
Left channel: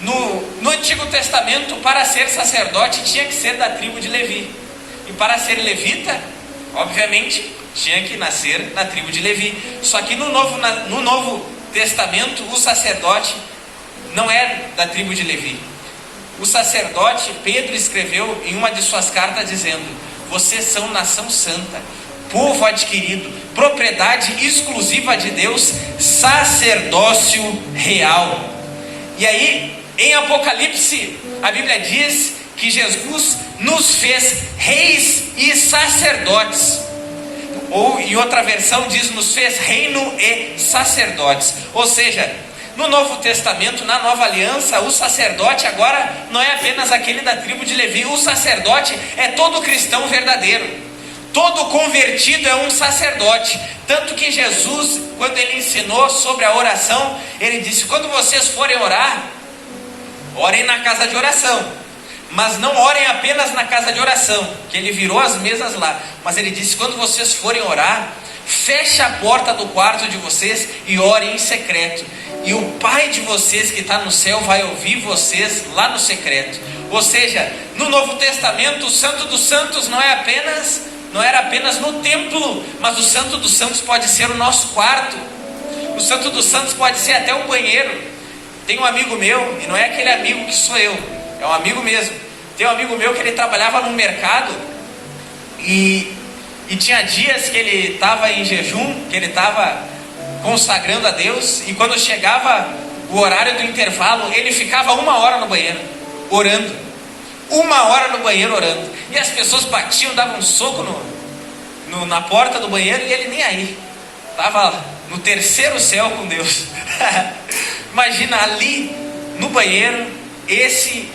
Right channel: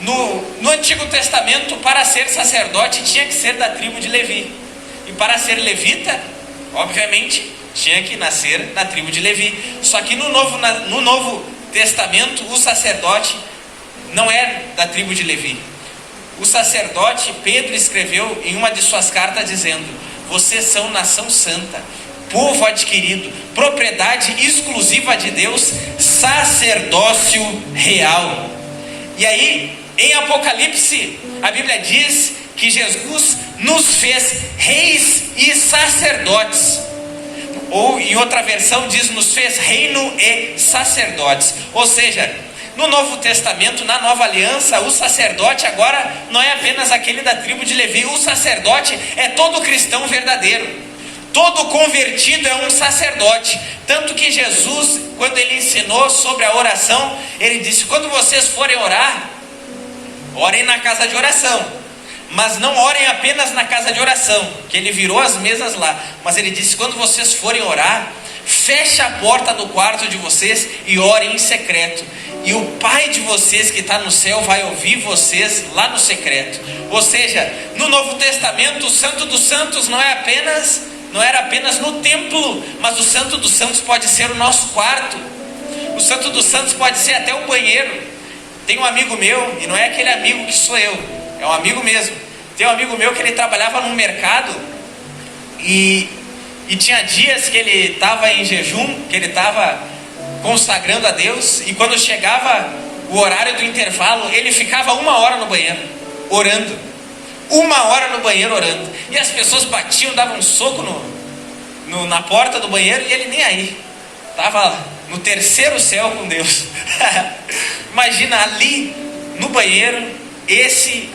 No Antigo Testamento, para ser sacerdote tinha que ser da tribo de Levi, e para ser levita, obviamente, tinha que nascer na tribo de Levi. Só que no Novo Testamento o sacerdote não é da tribo de Levi. O sacerdote, Pedro escreveu em uma de suas cartas dizendo: vocês são nação santa, povo adquirido, propriedade exclusiva de Deus, sacerdócio real. E aí, em Apocalipse, a Bíblia diz que Jesus nos fez reis e sacerdotes. Ou em outra versão diz, nos fez reino e sacerdotes. Ou seja, no Novo Testamento, na Nova Aliança, o sacerdote agora não é apenas aquele da tribo de Levi. O sacerdote é todo cristão verdadeiro. Todo convertido é um sacerdote. Tanto que Jesus, quando ele ensinou sobre a oração, ele disse: quando vocês forem orar, orem na casa de oração. Mas não orem apenas na casa de oração, que ele virou as mesas lá. Mas ele disse: quando vocês forem orar, feche a porta do quarto de vocês e orem em secreto. E o Pai de vocês que está no céu vai ouvir vocês lá no secreto. Ou seja, no Novo Testamento, o Santo dos Santos não era apenas no templo, mas o Santo dos Santos pode ser o nosso quarto. O Santo dos Santos pode ser até o banheiro. Tem um amigo meu, e não é aquele amigo que sou eu, é um amigo mesmo. Tem um amigo meu que ele trabalhava no mercado e tinha dias que ele estava em jejum, que ele estava consagrando a Deus, e quando chegava o horário do intervalo, ele ficava 1 hora no banheiro, orando. 1 hora no banheiro orando. E as pessoas batiam, davam um soco na porta do banheiro, e ele nem aí. Estava no terceiro céu com Deus. Imagina, ali no banheiro,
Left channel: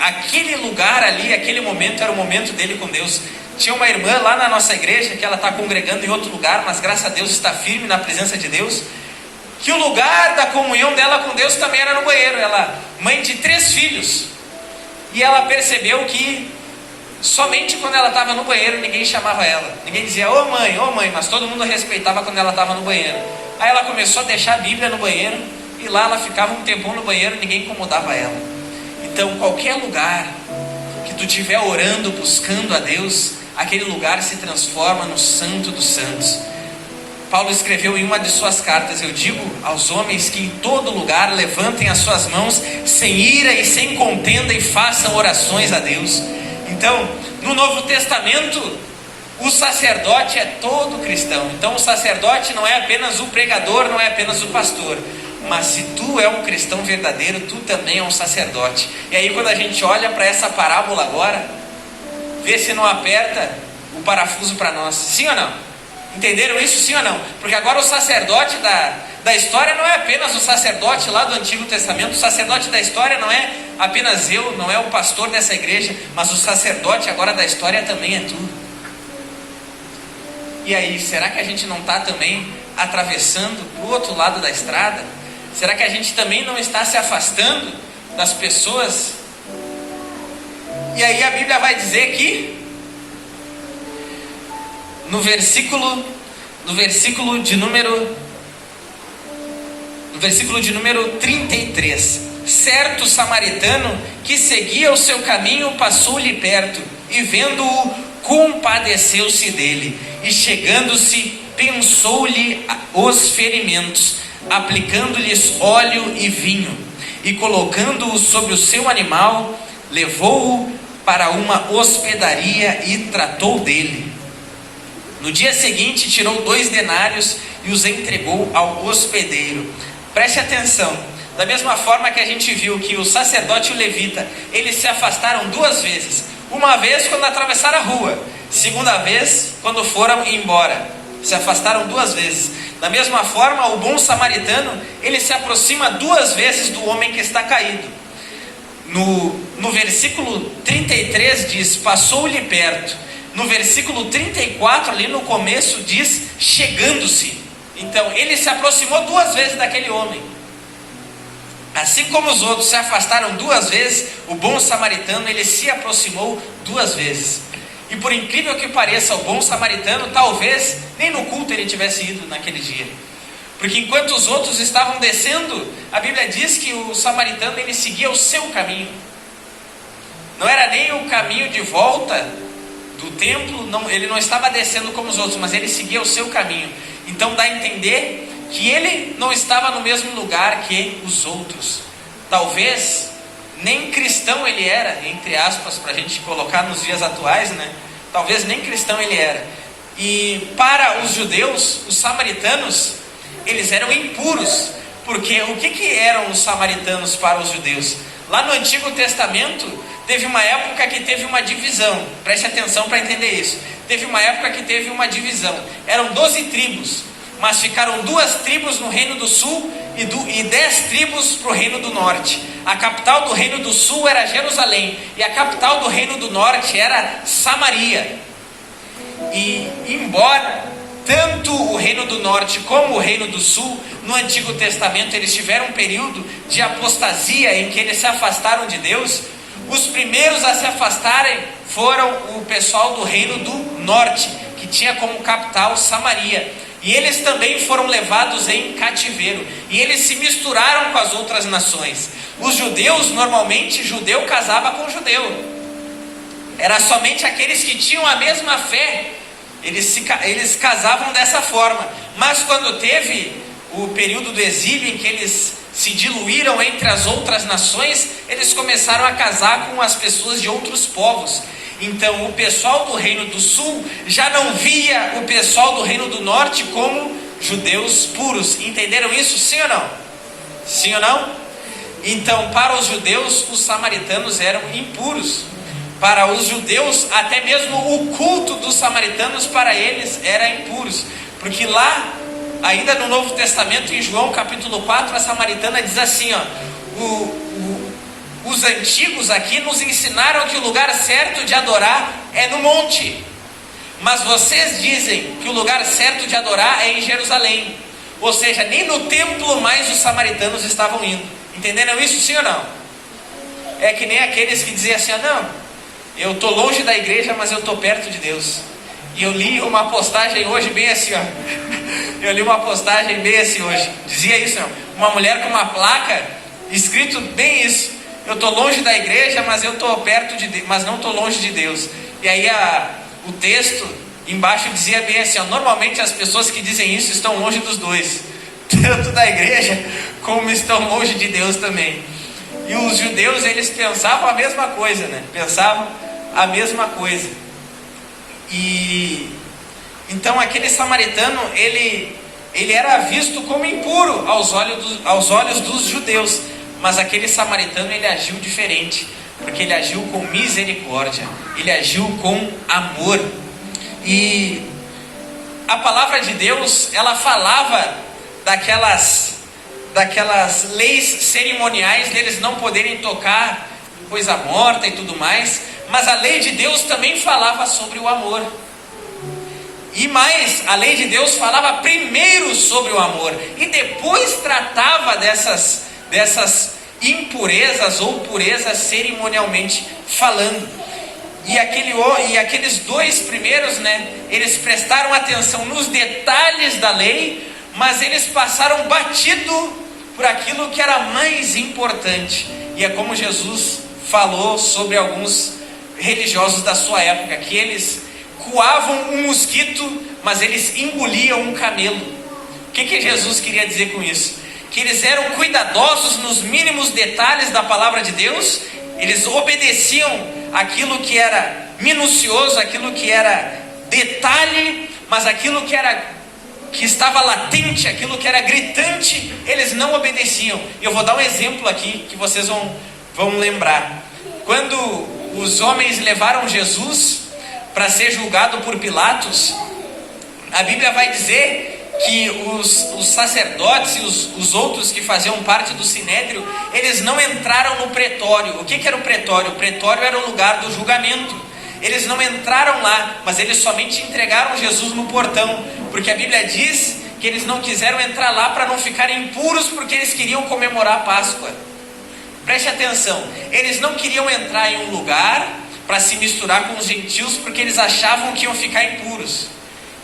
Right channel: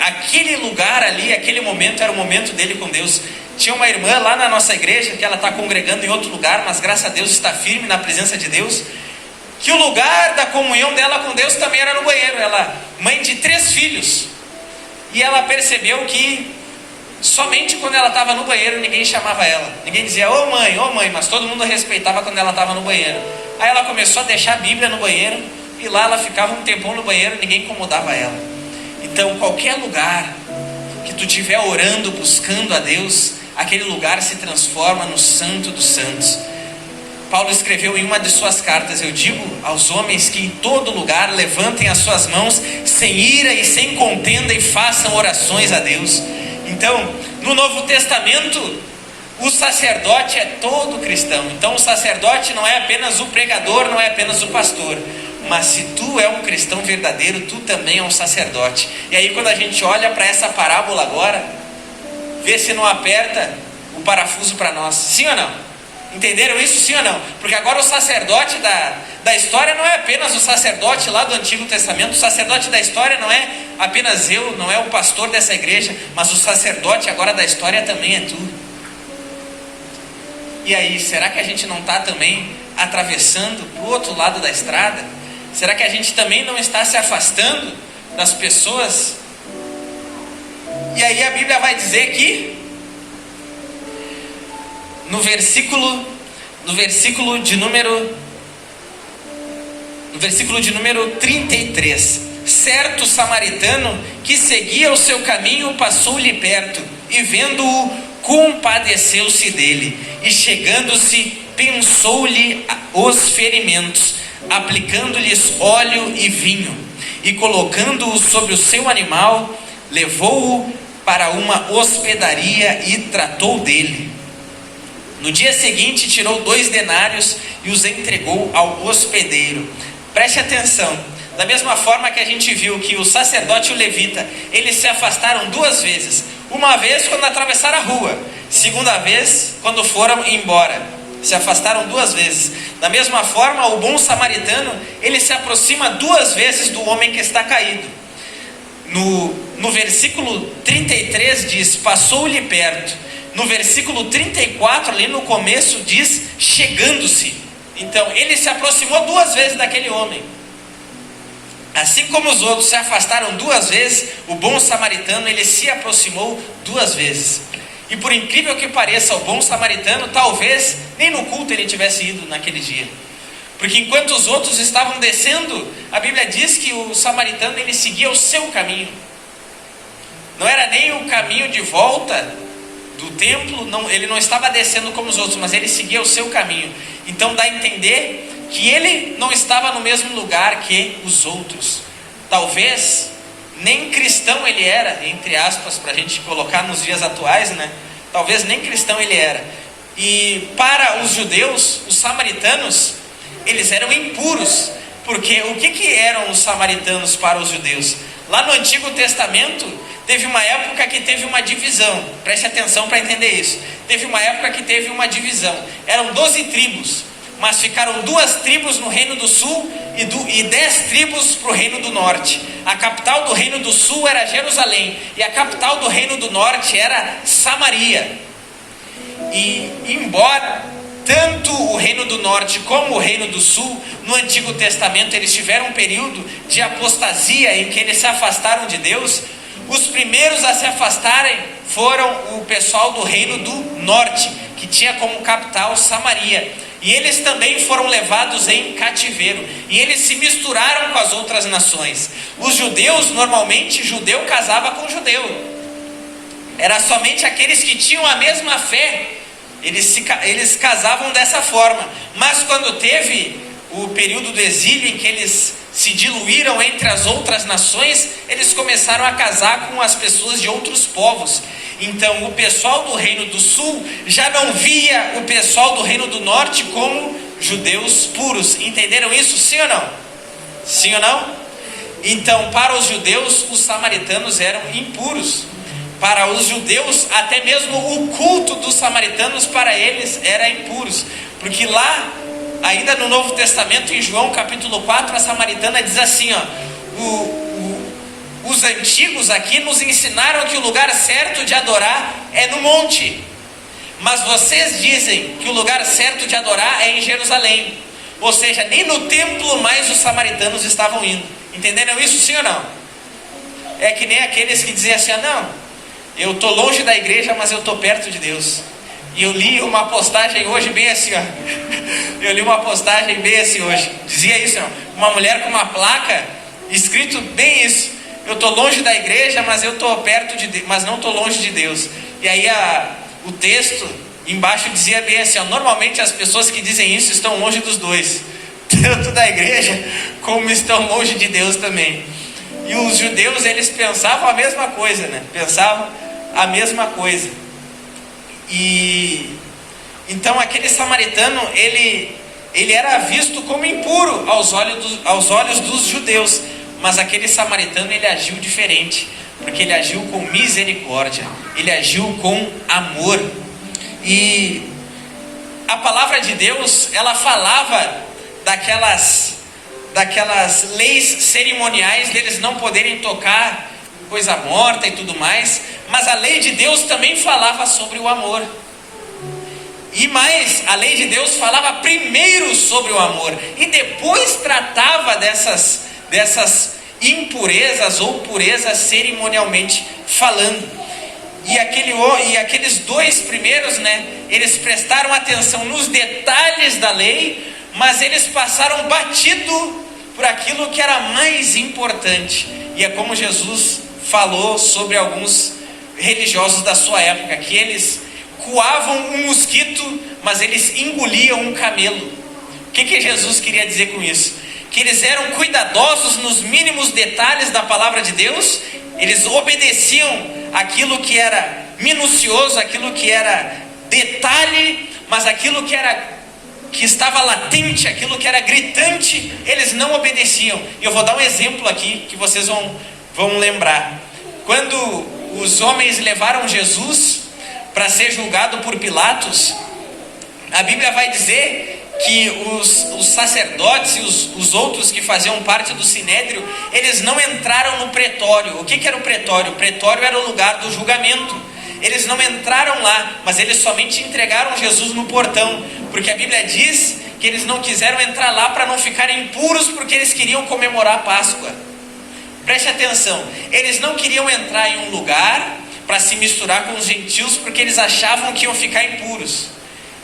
aquele lugar ali, aquele momento era o momento dele com Deus. Tinha uma irmã lá na nossa igreja, que ela está congregando em outro lugar, mas graças a Deus está firme na presença de Deus, que o lugar da comunhão dela com Deus também era no banheiro. Ela, mãe de 3 filhos, e ela percebeu que somente quando ela estava no banheiro ninguém chamava ela, ninguém dizia ô mãe, mas todo mundo respeitava quando ela estava no banheiro. Aí ela começou a deixar a Bíblia no banheiro, e lá ela ficava um tempão no banheiro, ninguém incomodava ela. Então qualquer lugar que tu estiver orando, buscando a Deus, aquele lugar se transforma no Santo dos Santos. Paulo escreveu em uma de suas cartas: eu digo aos homens que em todo lugar levantem as suas mãos sem ira e sem contenda e façam orações a Deus. Então, no Novo Testamento, o sacerdote é todo cristão. Então o sacerdote não é apenas o pregador, não é apenas o pastor, mas se tu é um cristão verdadeiro, tu também é um sacerdote. E aí quando a gente olha para essa parábola agora, vê se não aperta o parafuso para nós. Sim ou não? Entenderam isso, sim ou não? Porque agora o sacerdote da história não é apenas o sacerdote lá do Antigo Testamento. O sacerdote da história não é apenas eu, não é o pastor dessa igreja, mas o sacerdote agora da história também é tu. E aí, será que a gente não está também atravessando o outro lado da estrada? Será que a gente também não está se afastando das pessoas? E aí a Bíblia vai dizer que no versículo de número 33, certo samaritano que seguia o seu caminho passou-lhe perto, e vendo-o compadeceu-se dele, e chegando-se pensou-lhe os ferimentos, aplicando-lhes óleo e vinho, e colocando-o sobre o seu animal, levou-o para uma hospedaria e tratou dele. No dia seguinte tirou 2 denários e os entregou ao hospedeiro. Preste atenção, da mesma forma que a gente viu que o sacerdote e o levita, eles se afastaram 2 vezes. Uma vez quando atravessaram a rua, segunda vez quando foram embora. Se afastaram 2 vezes. Da mesma forma, o bom samaritano, ele se aproxima 2 vezes do homem que está caído. No versículo 33 diz, passou-lhe perto. No versículo 34, ali no começo, diz, chegando-se. Então, ele se aproximou 2 vezes daquele homem. Assim como os outros se afastaram 2 vezes, o bom samaritano, ele se aproximou 2 vezes. E por incrível que pareça, o bom samaritano, talvez, nem no culto ele tivesse ido naquele dia. Porque enquanto os outros estavam descendo, a Bíblia diz que o samaritano, ele seguia o seu caminho. Não era nem o caminho de volta do templo, não, ele não estava descendo como os outros, mas ele seguia o seu caminho. Então dá a entender que ele não estava no mesmo lugar que os outros. Talvez nem cristão ele era, entre aspas, para a gente colocar nos dias atuais, né? Talvez nem cristão ele era, E para os judeus, os samaritanos, eles eram impuros. Porque o que eram os samaritanos para os judeus? Lá no Antigo Testamento, teve uma época que teve uma divisão. Preste atenção para entender isso. Teve uma época que teve uma divisão. Eram 12 tribos, mas ficaram 2 tribos no Reino do Sul e 10 tribos para o Reino do Norte. A capital do Reino do Sul era Jerusalém, e a capital do Reino do Norte era Samaria. E embora tanto o Reino do Norte como o Reino do Sul, no Antigo Testamento, eles tiveram um período de apostasia em que eles se afastaram de Deus, os primeiros a se afastarem foram o pessoal do Reino do Norte, que tinha como capital Samaria. E eles também foram levados em cativeiro. E eles se misturaram com as outras nações. Os judeus, normalmente, judeu casava com judeu. Era somente aqueles que tinham a mesma fé. Eles casavam dessa forma. Mas quando teve o período do exílio, em que eles se diluíram entre as outras nações, eles começaram a casar com as pessoas de outros povos. Então o pessoal do Reino do Sul já não via o pessoal do Reino do Norte como judeus puros. Entenderam isso? Sim ou não? Sim ou não? Então, para os judeus, os samaritanos eram impuros. Para os judeus, até mesmo o culto dos samaritanos para eles era impuros. Porque lá, ainda no Novo Testamento, em João capítulo 4, a samaritana diz assim, os antigos aqui nos ensinaram que o lugar certo de adorar é no monte, mas vocês dizem que o lugar certo de adorar é em Jerusalém. Ou seja, nem no templo mais os samaritanos estavam indo. Entenderam isso, sim ou não? É que nem aqueles que diziam assim, não, eu estou longe da igreja, mas eu estou perto de Deus. E eu li uma postagem hoje bem assim, eu li uma postagem bem assim hoje, dizia isso, uma mulher com uma placa, escrito bem isso, eu estou longe da igreja, mas eu estou perto de Deus, mas não estou longe de Deus. E aí o texto embaixo dizia bem assim, normalmente as pessoas que dizem isso estão longe dos dois, tanto da igreja como estão longe de Deus também. E os judeus, eles pensavam a mesma coisa, né? Pensavam a mesma coisa. E então aquele samaritano, ele era visto como impuro aos olhos dos judeus. Mas aquele samaritano, ele agiu diferente, porque ele agiu com misericórdia, ele agiu com amor. E a palavra de Deus, ela falava daquelas leis cerimoniais deles não poderem tocar coisa morta e tudo mais, mas a lei de Deus também falava sobre o amor. E mais, a lei de Deus falava primeiro sobre o amor e depois tratava dessas impurezas ou purezas cerimonialmente falando. E aqueles 2 primeiros, né, eles prestaram atenção nos detalhes da lei, mas eles passaram batido por aquilo que era mais importante. E é como Jesus falou sobre alguns religiosos da sua época, que eles coavam um mosquito, mas eles engoliam um camelo. O que Jesus queria dizer com isso? Que eles eram cuidadosos nos mínimos detalhes da palavra de Deus, eles obedeciam aquilo que era minucioso, aquilo que era detalhe, mas aquilo que estava latente, aquilo que era gritante, eles não obedeciam. E eu vou dar um exemplo aqui que vocês vão lembrar. Quando os homens levaram Jesus para ser julgado por Pilatos, a Bíblia vai dizer que os sacerdotes e os outros que faziam parte do sinédrio, eles não entraram no pretório. O que era o pretório? O pretório era o lugar do julgamento. Eles não entraram lá, mas eles somente entregaram Jesus no portão, porque a Bíblia diz que eles não quiseram entrar lá para não ficarem impuros, porque eles queriam comemorar a Páscoa. Preste atenção, eles não queriam entrar em um lugar para se misturar com os gentios, porque eles achavam que iam ficar impuros.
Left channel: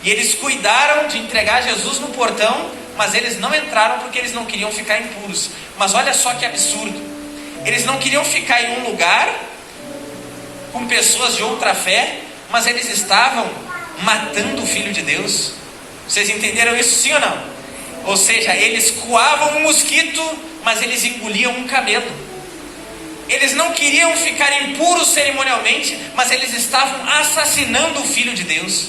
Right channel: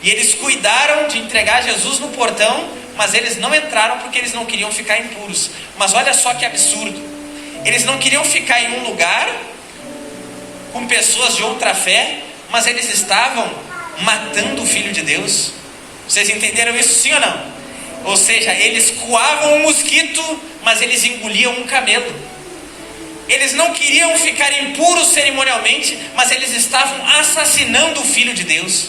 E eles cuidaram de entregar Jesus no portão, mas eles não entraram porque eles não queriam ficar impuros. Mas olha só que absurdo, eles não queriam ficar em um lugar com pessoas de outra fé, mas eles estavam matando o Filho de Deus. Vocês entenderam isso, sim ou não? Ou seja, eles coavam um mosquito, mas eles engoliam um camelo. Eles não queriam ficar impuros cerimonialmente, mas eles estavam assassinando o Filho de Deus.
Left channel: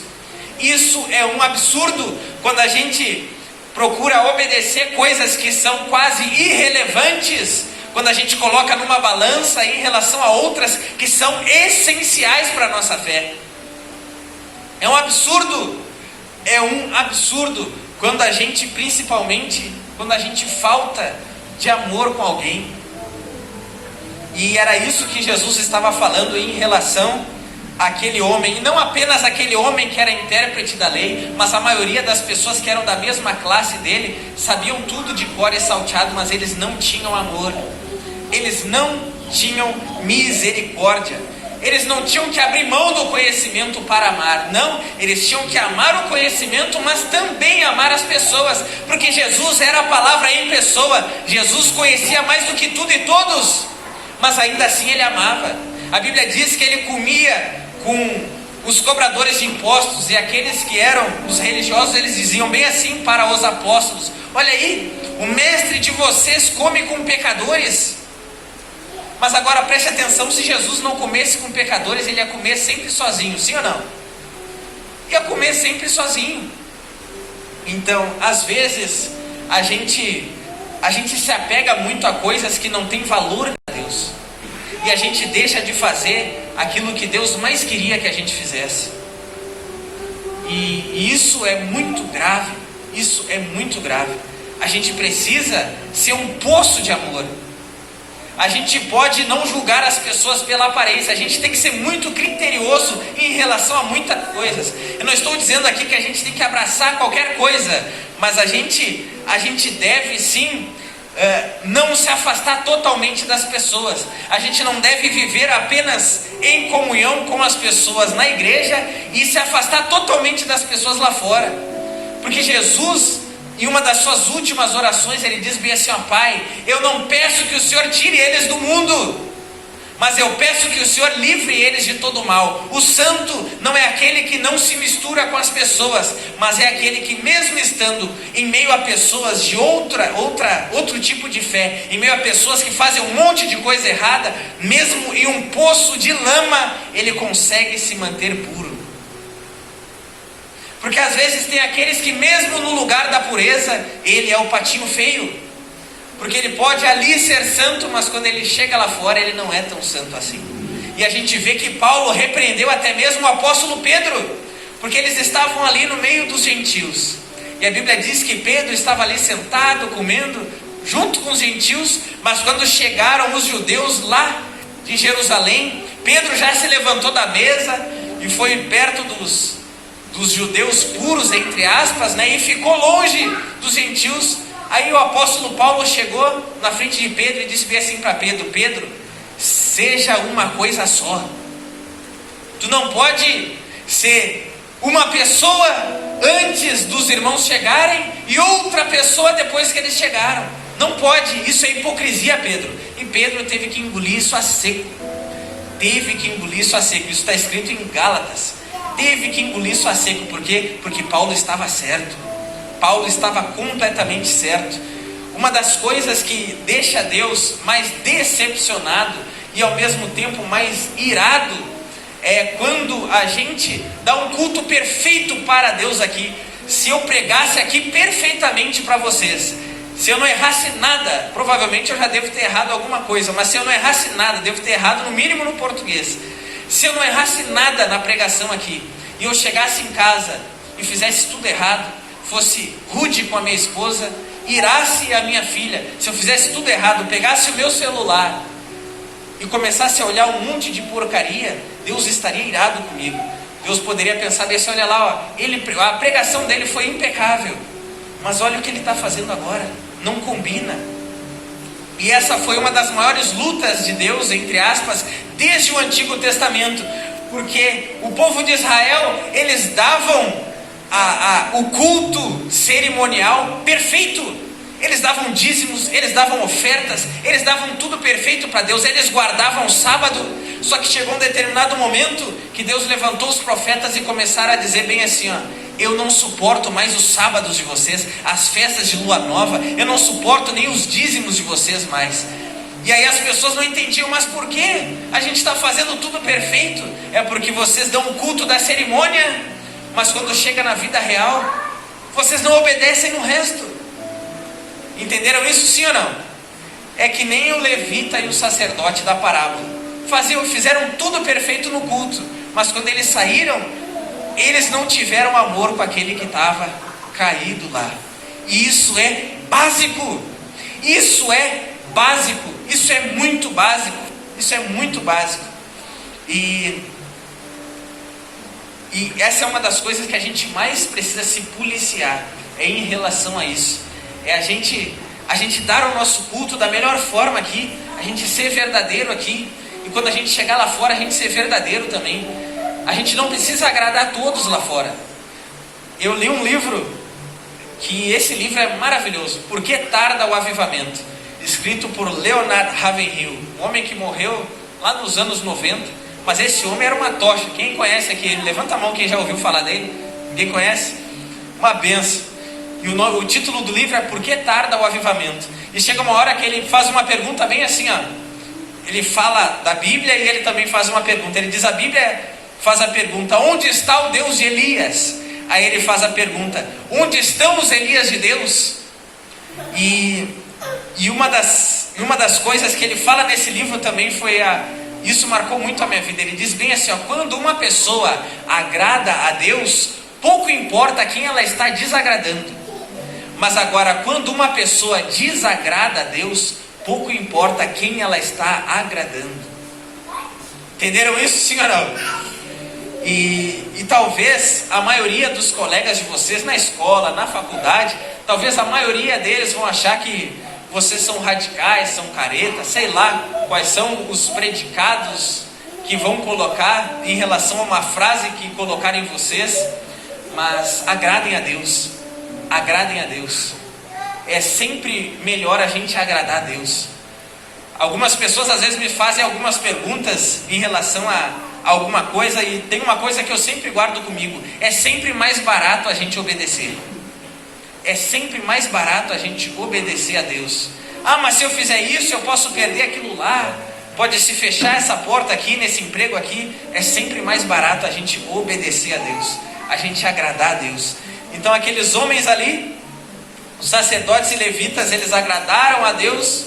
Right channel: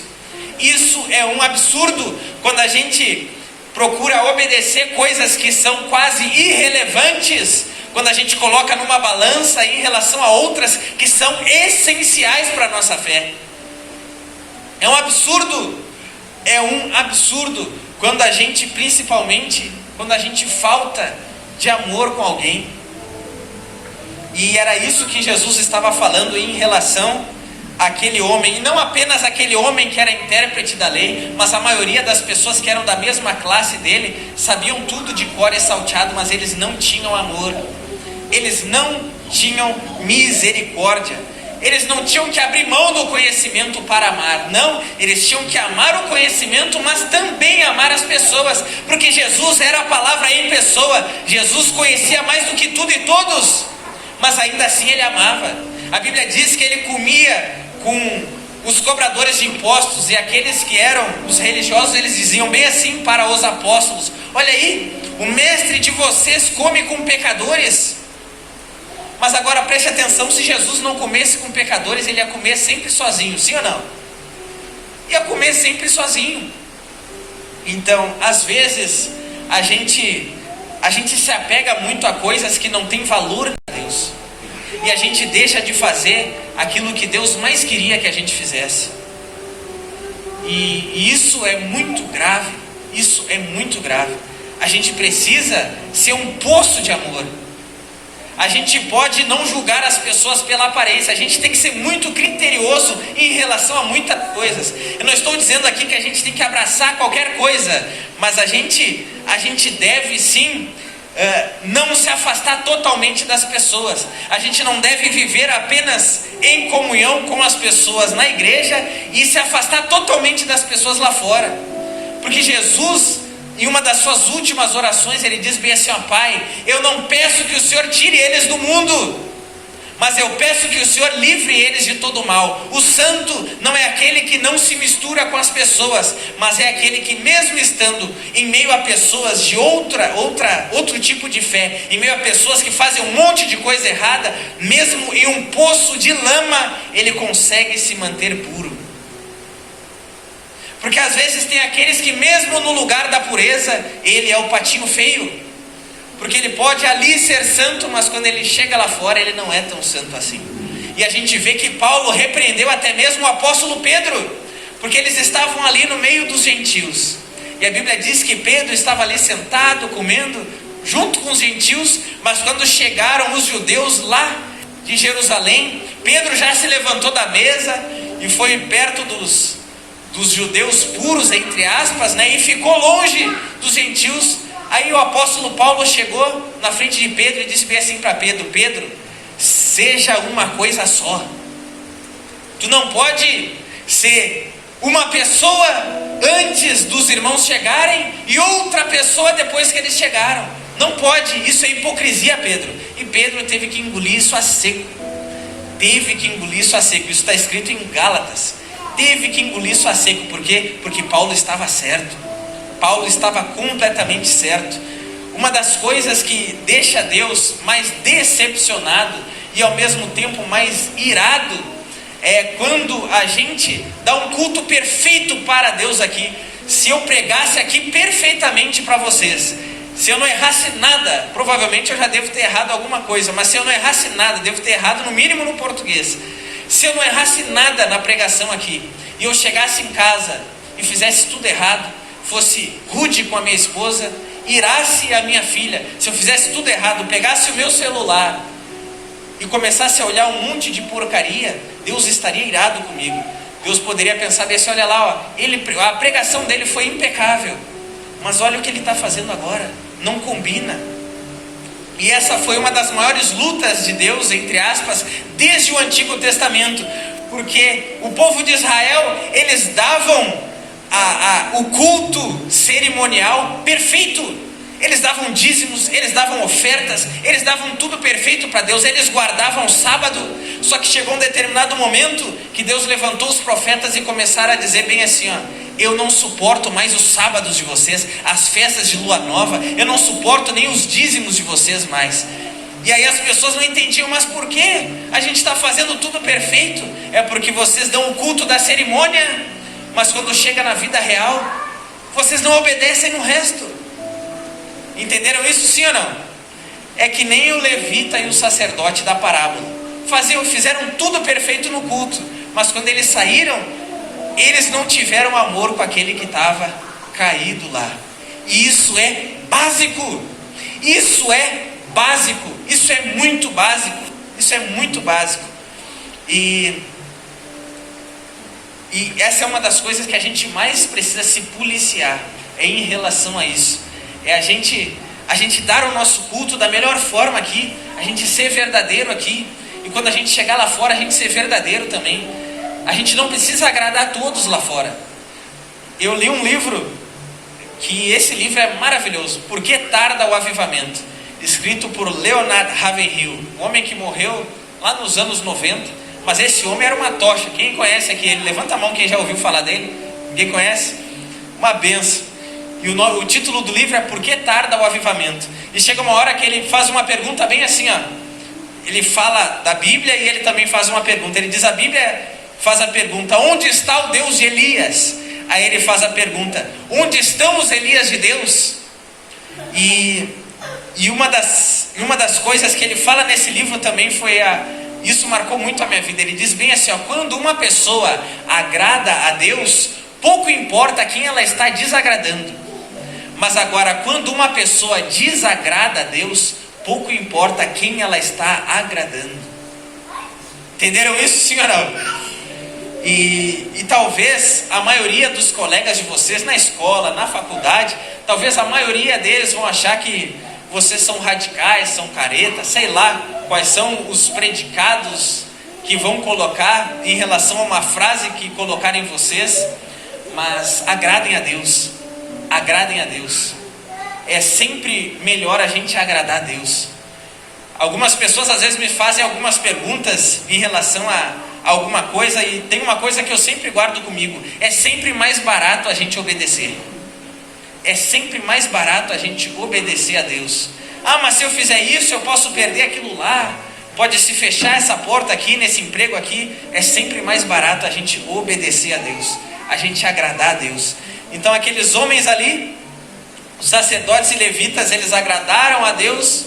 Isso é um absurdo quando a gente procura obedecer coisas que são quase irrelevantes, quando a gente coloca numa balança em relação a outras que são essenciais para a nossa fé. É um absurdo quando a gente, principalmente, quando a gente falta de amor com alguém. E era isso que Jesus estava falando em relação àquele homem, e não apenas aquele homem que era intérprete da lei, mas a maioria das pessoas que eram da mesma classe dele, sabiam tudo de cor e salteado, mas eles não tinham amor, eles não tinham misericórdia. Eles não tinham que abrir mão do conhecimento para amar. Não, eles tinham que amar o conhecimento, mas também amar as pessoas. Porque Jesus era a palavra em pessoa. Jesus conhecia mais do que tudo e todos, mas ainda assim ele amava. A Bíblia diz que ele comia com os cobradores de impostos, e aqueles que eram os religiosos, eles diziam bem assim para os apóstolos: olha aí, o mestre de vocês come com pecadores. Mas agora preste atenção, se Jesus não comesse com pecadores, ele ia comer sempre sozinho, sim ou não? Ia comer sempre sozinho. Então, às vezes, a gente se apega muito a coisas que não têm valor para Deus, e a gente deixa de fazer aquilo que Deus mais queria que a gente fizesse. E isso é muito grave, isso é muito grave. A gente precisa ser um poço de amor. A gente pode não julgar as pessoas pela aparência, a gente tem que ser muito criterioso em relação a muitas coisas. Eu não estou dizendo aqui que a gente tem que abraçar qualquer coisa, mas a gente deve sim não se afastar totalmente das pessoas. A gente não deve viver apenas em comunhão com as pessoas na igreja e se afastar totalmente das pessoas lá fora. Porque Jesus, em uma das suas últimas orações, ele diz bem assim: ó Pai, eu não peço que o Senhor tire eles do mundo, mas eu peço que o Senhor livre eles de todo mal. O santo não é aquele que não se mistura com as pessoas, mas é aquele que, mesmo estando em meio a pessoas de outro tipo de fé, em meio a pessoas que fazem um monte de coisa errada, mesmo em um poço de lama, ele consegue se manter puro. Porque às vezes tem aqueles que, mesmo no lugar da pureza, ele é o patinho feio. Porque ele pode ali ser santo, mas quando ele chega lá fora, ele não é tão santo assim. E a gente vê que Paulo repreendeu até mesmo o apóstolo Pedro, porque eles estavam ali no meio dos gentios. E a Bíblia diz que Pedro estava ali sentado, comendo, junto com os gentios, mas quando chegaram os judeus lá de Jerusalém, Pedro já se levantou da mesa e foi perto dos judeus puros, entre aspas, né? E ficou longe dos gentios. Aí o apóstolo Paulo chegou na frente de Pedro e disse bem assim para Pedro: Pedro, seja uma coisa só. Tu não pode ser uma pessoa antes dos irmãos chegarem e outra pessoa depois que eles chegaram. Não pode, isso é hipocrisia, Pedro. E Pedro teve que engolir isso a seco. Isso está escrito em Gálatas. Teve que engolir isso a seco. Por quê? Porque Paulo estava certo. Paulo estava completamente certo. Uma das coisas que deixa Deus mais decepcionado e ao mesmo tempo mais irado é quando a gente dá um culto perfeito para Deus aqui. Se eu pregasse aqui perfeitamente para vocês, se eu não errasse nada, provavelmente eu já devo ter errado alguma coisa, mas se eu não errasse nada, devo ter errado no mínimo no português. Se eu não errasse nada na pregação aqui, e eu chegasse em casa e fizesse tudo errado, fosse rude com a minha esposa, irasse a minha filha, se eu fizesse tudo errado, pegasse o meu celular e começasse a olhar um monte de porcaria, Deus estaria irado comigo. Deus poderia pensar desse: olha lá, ó, a pregação dele foi impecável, mas olha o que ele está fazendo agora, não combina. E essa foi uma das maiores lutas de Deus, entre aspas, desde o Antigo Testamento, porque o povo de Israel, eles davam o culto cerimonial perfeito, eles davam dízimos, eles davam ofertas, eles davam tudo perfeito para Deus, eles guardavam o sábado. Só que chegou um determinado momento que Deus levantou os profetas e começaram a dizer bem assim: ó, eu não suporto mais os sábados de vocês, as festas de lua nova, eu não suporto nem os dízimos de vocês mais. E aí as pessoas não entendiam: mas por que a gente está fazendo tudo perfeito? É porque vocês dão o culto da cerimônia, mas quando chega na vida real, vocês não obedecem no resto. Entenderam isso, sim ou não? É que nem o levita e o sacerdote da parábola. Fizeram tudo perfeito no culto, mas quando eles saíram, eles não tiveram amor com aquele que estava caído lá. E isso é básico. Isso é básico. Isso é muito básico. Isso é muito básico. E essa é uma das coisas que a gente mais precisa se policiar, é em relação a isso. É a gente dar o nosso culto da melhor forma aqui, a gente ser verdadeiro aqui, e quando a gente chegar lá fora, a gente ser verdadeiro também. A gente não precisa agradar a todos lá fora. Eu li um livro, que esse livro é maravilhoso, Por que Tarda o Avivamento? Escrito por Leonard Ravenhill, um homem que morreu lá nos anos 90, mas esse homem era uma tocha. Quem conhece aqui ele? Levanta a mão quem já ouviu falar dele. Ninguém conhece? Uma benção. E o título do livro é Por que Tarda o Avivamento? E chega uma hora que ele faz uma pergunta bem assim, ó. Ele fala da Bíblia e ele também faz uma pergunta. Ele diz, a Bíblia faz a pergunta, onde está o Deus de Elias? Aí ele faz a pergunta, onde estão os Elias de Deus? E uma das coisas que ele fala nesse livro também foi isso marcou muito a minha vida. Ele diz bem assim, ó, quando uma pessoa agrada a Deus, pouco importa quem ela está desagradando. Mas agora, quando uma pessoa desagrada a Deus, pouco importa quem ela está agradando. Entenderam isso, sim ou não? E talvez a maioria dos colegas de vocês na escola, na faculdade, talvez a maioria deles vão achar que vocês são radicais, são caretas, sei lá quais são os predicados que vão colocar em relação a uma frase que colocarem vocês, mas agradem a Deus, agradem a Deus. É sempre melhor a gente agradar a Deus. Algumas pessoas às vezes me fazem algumas perguntas em relação a alguma coisa, e tem uma coisa que eu sempre guardo comigo: é sempre mais barato a gente obedecer. É sempre mais barato a gente obedecer a Deus. Ah, mas se eu fizer isso eu posso perder aquilo lá, pode se fechar essa porta aqui, nesse emprego aqui. É sempre mais barato a gente obedecer a Deus, a gente agradar a Deus. Então aqueles homens ali, os sacerdotes e levitas, eles agradaram a Deus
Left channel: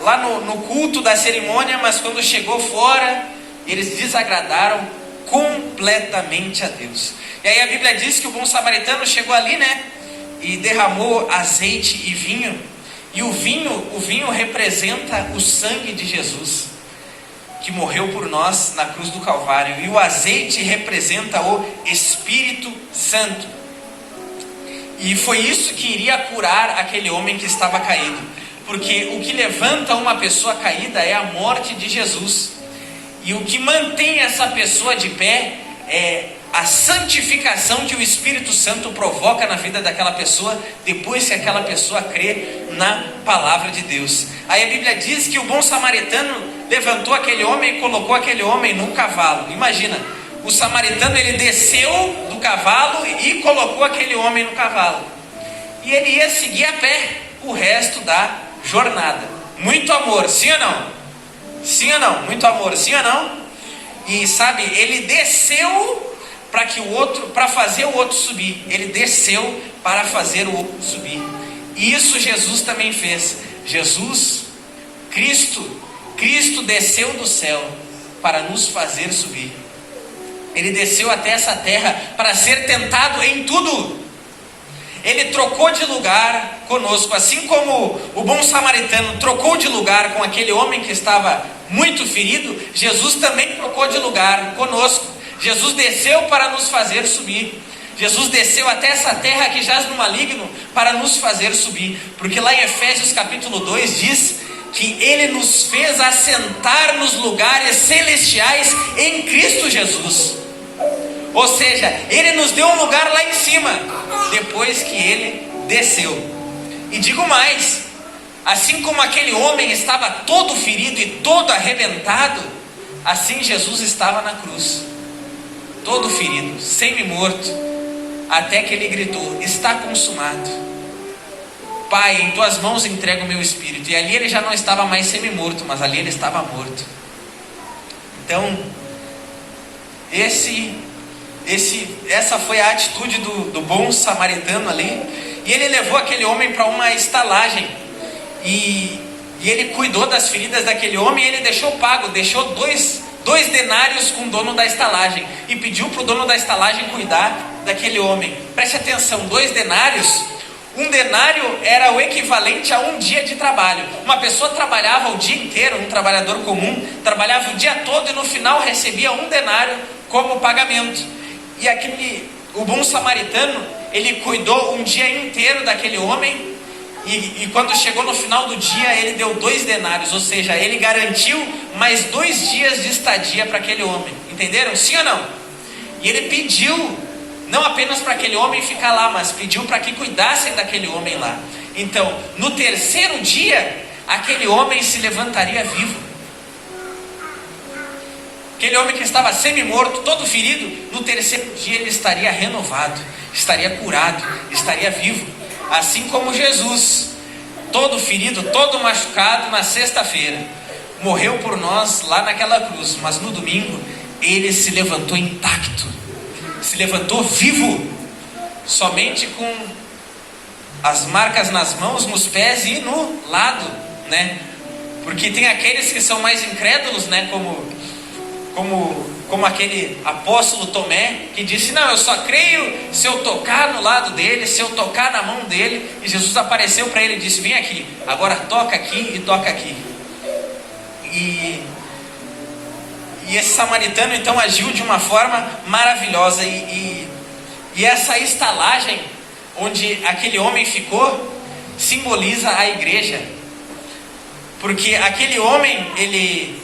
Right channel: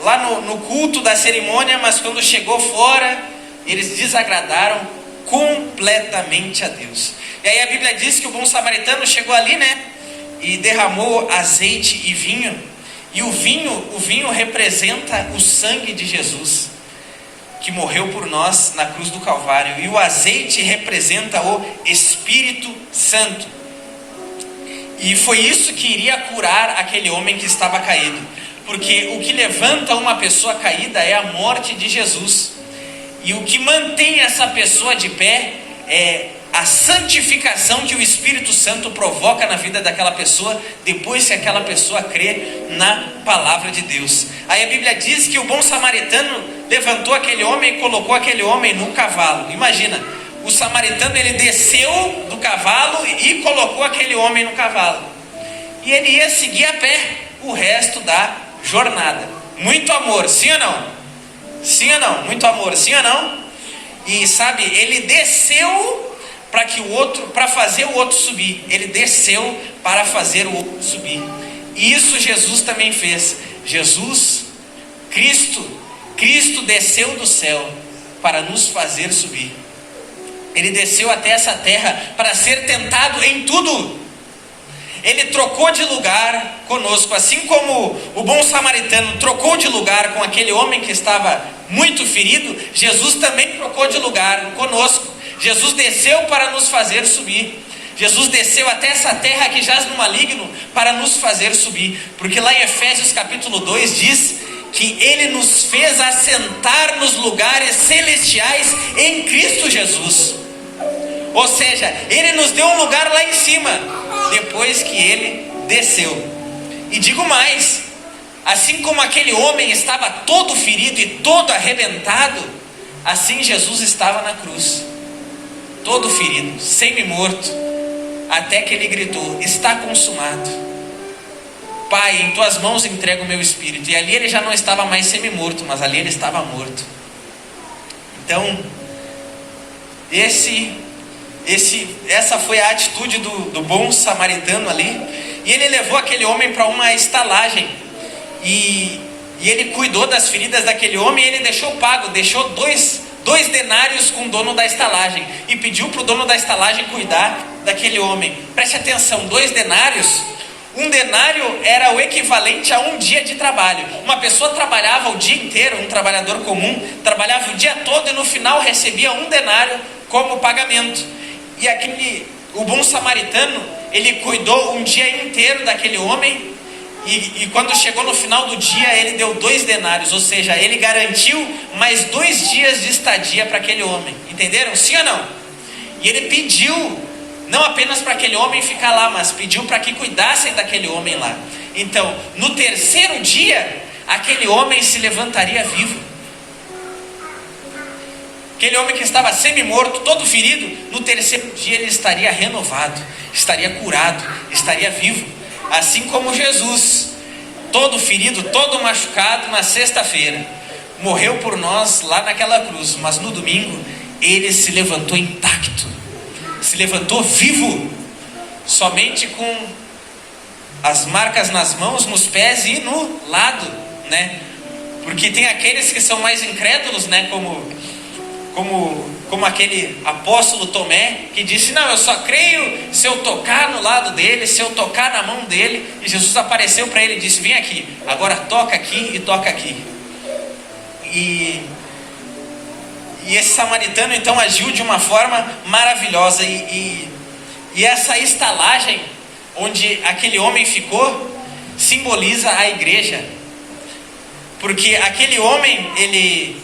lá no culto da cerimônia, mas quando chegou fora, eles desagradaram completamente a Deus. E aí a Bíblia diz que o bom samaritano chegou ali, né, e derramou azeite e vinho. E o vinho representa o sangue de Jesus, que morreu por nós na cruz do Calvário. E o azeite representa o Espírito Santo. E foi isso que iria curar aquele homem que estava caído. Porque o que levanta uma pessoa caída é a morte de Jesus. E o que mantém essa pessoa de pé é a santificação que o Espírito Santo provoca na vida daquela pessoa, depois que aquela pessoa crê na palavra de Deus. Aí a Bíblia diz que o bom samaritano levantou aquele homem e colocou aquele homem num cavalo. Imagina, o samaritano, ele desceu do cavalo e colocou aquele homem no cavalo. E ele ia seguir a pé o resto da jornada. Muito amor, sim ou não? Sim ou não? Muito amor, sim ou não? E sabe, ele desceu para fazer o outro subir. Ele desceu para fazer o outro subir. E isso Jesus também fez. Cristo desceu do céu para nos fazer subir. Ele desceu até essa terra para ser tentado em tudo. Ele trocou de lugar conosco, assim como o bom samaritano trocou de lugar com aquele homem que estava muito ferido. Jesus também trocou de lugar conosco. Jesus desceu para nos fazer subir. Jesus desceu até essa terra que jaz no maligno para nos fazer subir. Porque lá em Efésios capítulo 2 diz que Ele nos fez assentar nos lugares celestiais em Cristo Jesus. Ou seja, Ele nos deu um lugar lá em cima, depois que Ele desceu. E digo mais, assim como aquele homem estava todo ferido e todo arrebentado, assim Jesus estava na cruz, todo ferido, semi-morto, até que Ele gritou: está consumado. Pai, em Tuas mãos entrego o meu espírito. E ali Ele já não estava mais semi-morto, mas ali Ele estava morto. Então, esse Essa foi a atitude do bom samaritano ali. E ele levou aquele homem para uma estalagem. E ele cuidou das feridas daquele homem. E ele deixou pago, deixou dois denários com o dono da estalagem. E pediu para o dono da estalagem cuidar daquele homem. Preste atenção, 2 denários. Um denário era o equivalente a um dia de trabalho. Uma pessoa trabalhava o dia inteiro, um trabalhador comum, trabalhava o dia todo e no final recebia um denário como pagamento. E o bom samaritano, ele cuidou um dia inteiro daquele homem e quando chegou no final do dia, ele deu 2 denários, ou seja, ele garantiu mais 2 dias de estadia para aquele homem. Entenderam? Sim ou não? E ele pediu não apenas para aquele homem ficar lá, mas pediu para que cuidassem daquele homem lá. Então, no 3º dia, aquele homem se levantaria vivo. Aquele homem que estava semi-morto, todo ferido, no 3º dia ele estaria renovado, estaria curado, estaria vivo. Assim como Jesus, todo ferido, todo machucado, na sexta-feira, morreu por nós lá naquela cruz, mas no domingo, ele se levantou intacto. Se levantou vivo, somente com as marcas nas mãos, nos pés e no lado, né? Porque tem aqueles que são mais incrédulos, né? Como aquele apóstolo Tomé, que disse, não, eu só creio se eu tocar no lado dele, se eu tocar na mão dele. E Jesus apareceu para ele e disse, vem aqui, agora toca aqui e toca aqui. E esse samaritano então agiu de uma forma maravilhosa. E essa estalagem onde aquele homem ficou simboliza a igreja. Porque aquele homem, ele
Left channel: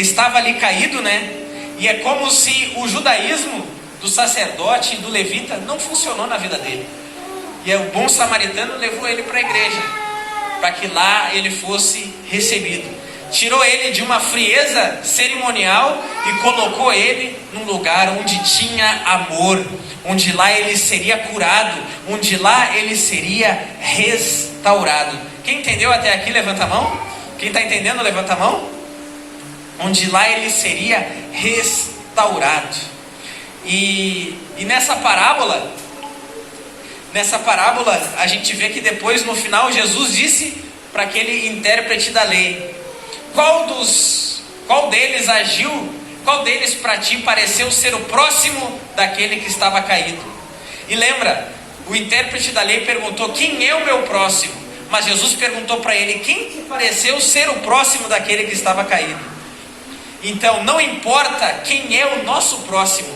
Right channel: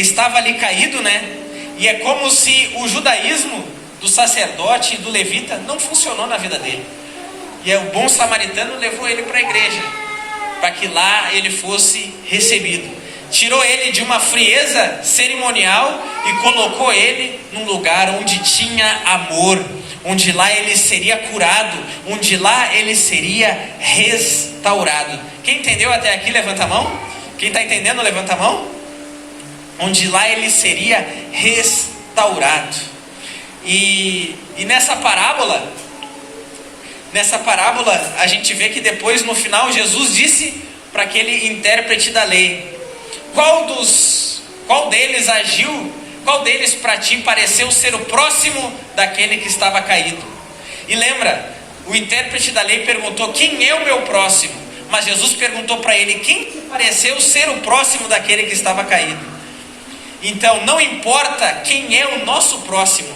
estava ali caído, né? E é como se o judaísmo do sacerdote e do levita não funcionou na vida dele. E o bom samaritano levou ele para a igreja, para que lá ele fosse recebido. Tirou ele de uma frieza cerimonial e colocou ele num lugar onde tinha amor, onde lá ele seria curado, onde lá ele seria restaurado. Quem entendeu até aqui, levanta a mão. Quem está entendendo, levanta a mão. Onde lá ele seria restaurado. E nessa parábola a gente vê que depois no final Jesus disse para aquele intérprete da lei, qual deles agiu, qual deles para ti pareceu ser o próximo daquele que estava caído? E lembra, o intérprete da lei perguntou, quem é o meu próximo? Mas Jesus perguntou para ele, quem te pareceu ser o próximo daquele que estava caído? Então não importa quem é o nosso próximo,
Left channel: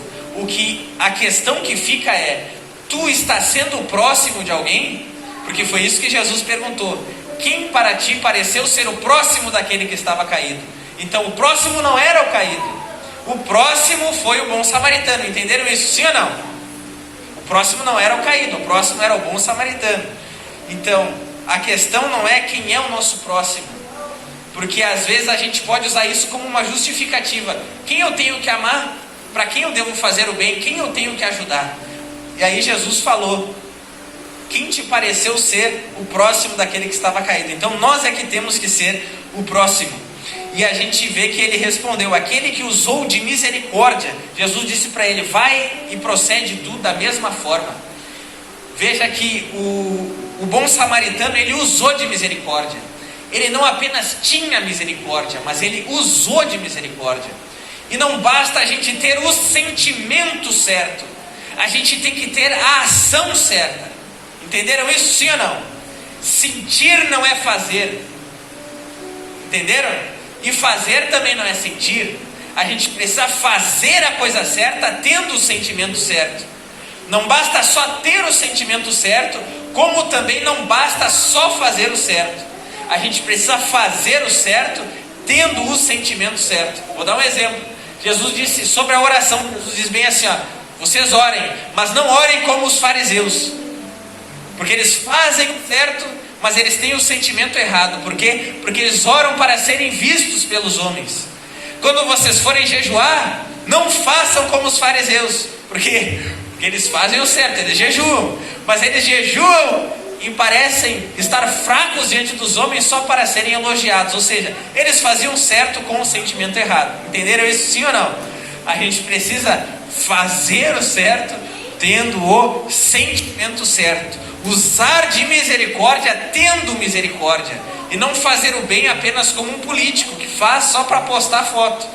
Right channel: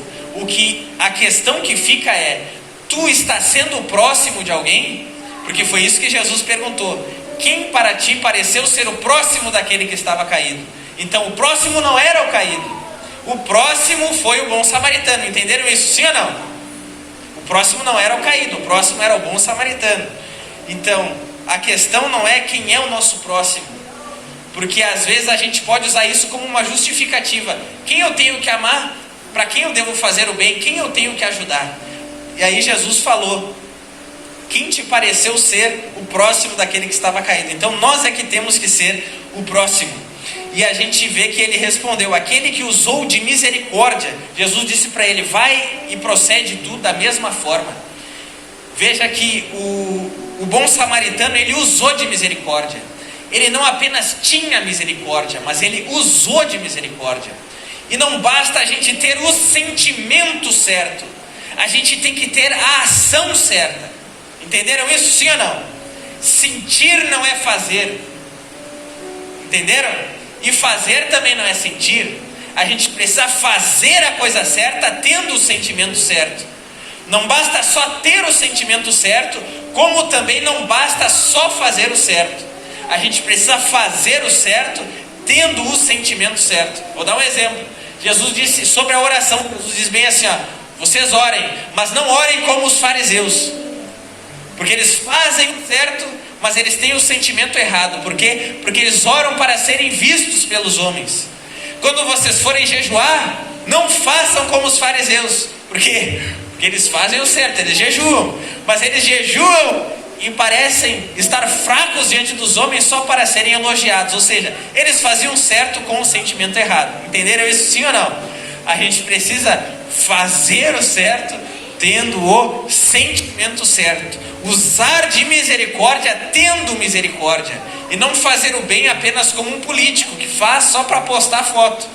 a questão que fica é, tu está sendo o próximo de alguém? Porque foi isso que Jesus perguntou, quem para ti pareceu ser o próximo daquele que estava caído? Então o próximo não era o caído, o próximo foi o bom samaritano. Entenderam isso, sim ou não? O próximo não era o caído, o próximo era o bom samaritano. Então a questão não é quem é o nosso próximo, porque às vezes a gente pode usar isso como uma justificativa. Quem eu tenho que amar? Para quem eu devo fazer o bem? Quem eu tenho que ajudar? E aí Jesus falou, quem te pareceu ser o próximo daquele que estava caído? Então nós é que temos que ser o próximo. E a gente vê que ele respondeu, aquele que usou de misericórdia. Jesus disse para ele, vai e procede tu da mesma forma. Veja que o bom samaritano, ele usou de misericórdia. Ele não apenas tinha misericórdia, mas ele usou de misericórdia. E não basta a gente ter o sentimento certo, a gente tem que ter a ação certa. Entenderam isso, sim ou não? Sentir não é fazer. Entenderam? E fazer também não é sentir. A gente precisa fazer a coisa certa tendo o sentimento certo. Não basta só ter o sentimento certo, como também não basta só fazer o certo. A gente precisa fazer o certo tendo o sentimento certo. Vou dar um exemplo. Jesus disse sobre a oração, Jesus diz bem assim, vocês orem, mas não orem como os fariseus, porque eles fazem o certo, mas eles têm o sentimento errado. Por quê? Porque eles oram para serem vistos pelos homens. Quando vocês forem jejuar, não façam como os fariseus. Por quê? Porque eles fazem o certo, eles jejuam, mas eles jejuam e parecem estar fracos diante dos homens só para serem elogiados. Ou seja, eles faziam certo com o sentimento errado. Entenderam isso, sim ou não? A gente precisa fazer o certo tendo o sentimento certo, usar de misericórdia tendo misericórdia, e não fazer o bem apenas como um político que faz só para postar foto,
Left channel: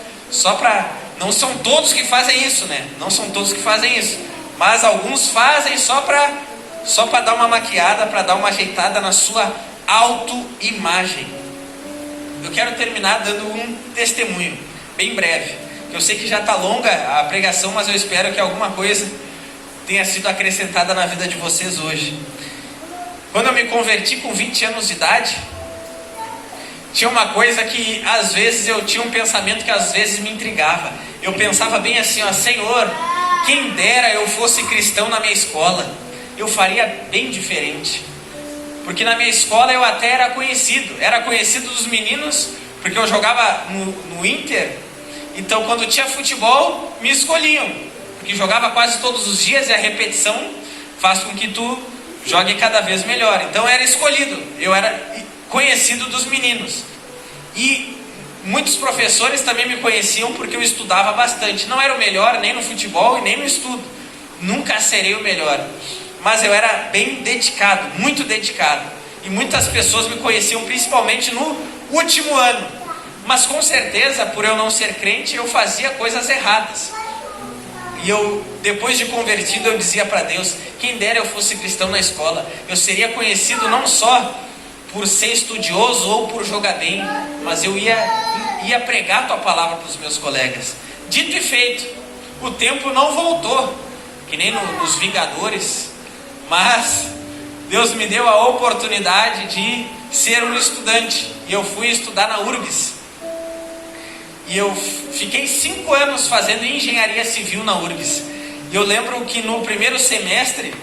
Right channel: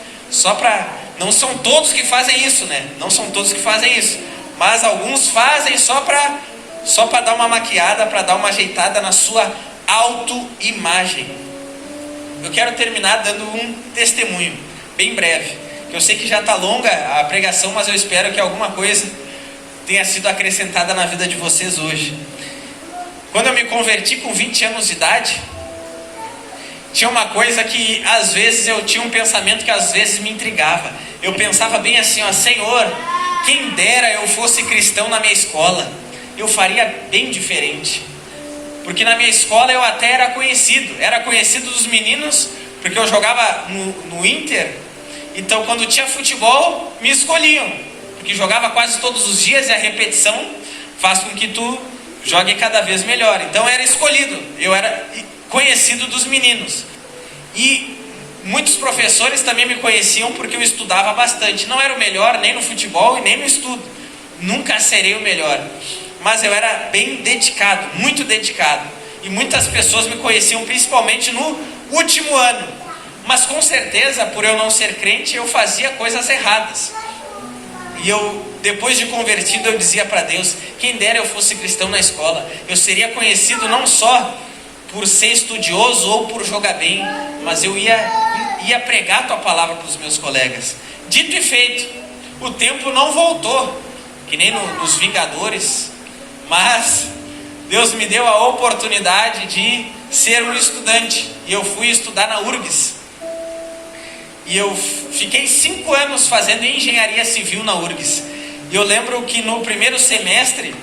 não são todos que fazem isso, né? Não são todos que fazem isso, mas alguns fazem só para dar uma maquiada, para dar uma ajeitada na sua autoimagem. Eu quero terminar dando um testemunho bem breve. Eu sei que já está longa a pregação, mas eu espero que alguma coisa tenha sido acrescentada na vida de vocês hoje. Quando eu me converti com 20 anos de idade, tinha uma coisa que às vezes eu tinha um pensamento que às vezes me intrigava. Eu pensava bem assim, ó: Senhor, quem dera eu fosse cristão na minha escola, eu faria bem diferente. Porque na minha escola eu até era conhecido dos meninos, porque eu jogava no Inter. Então quando tinha futebol, me escolhiam, porque jogava quase todos os dias, e a repetição faz com que tu jogue cada vez melhor. Então eu era escolhido, eu era conhecido dos meninos. E muitos professores também me conheciam porque eu estudava bastante. Não era o melhor nem no futebol e nem no estudo, nunca serei o melhor, mas eu era bem dedicado, muito dedicado. E muitas pessoas me conheciam principalmente no último ano. Mas com certeza, por eu não ser crente, eu fazia coisas erradas. E eu, depois de convertido, eu dizia para Deus: quem dera eu fosse cristão na escola. Eu seria conhecido não só por ser estudioso ou por jogar bem, mas eu ia pregar a tua palavra para os meus colegas. Dito e feito, o tempo não voltou, que nem nos Vingadores, mas Deus me deu a oportunidade de ser um estudante, e eu fui estudar na URGS. E eu fiquei 5 anos fazendo engenharia civil na URGS. E eu lembro que no primeiro semestre,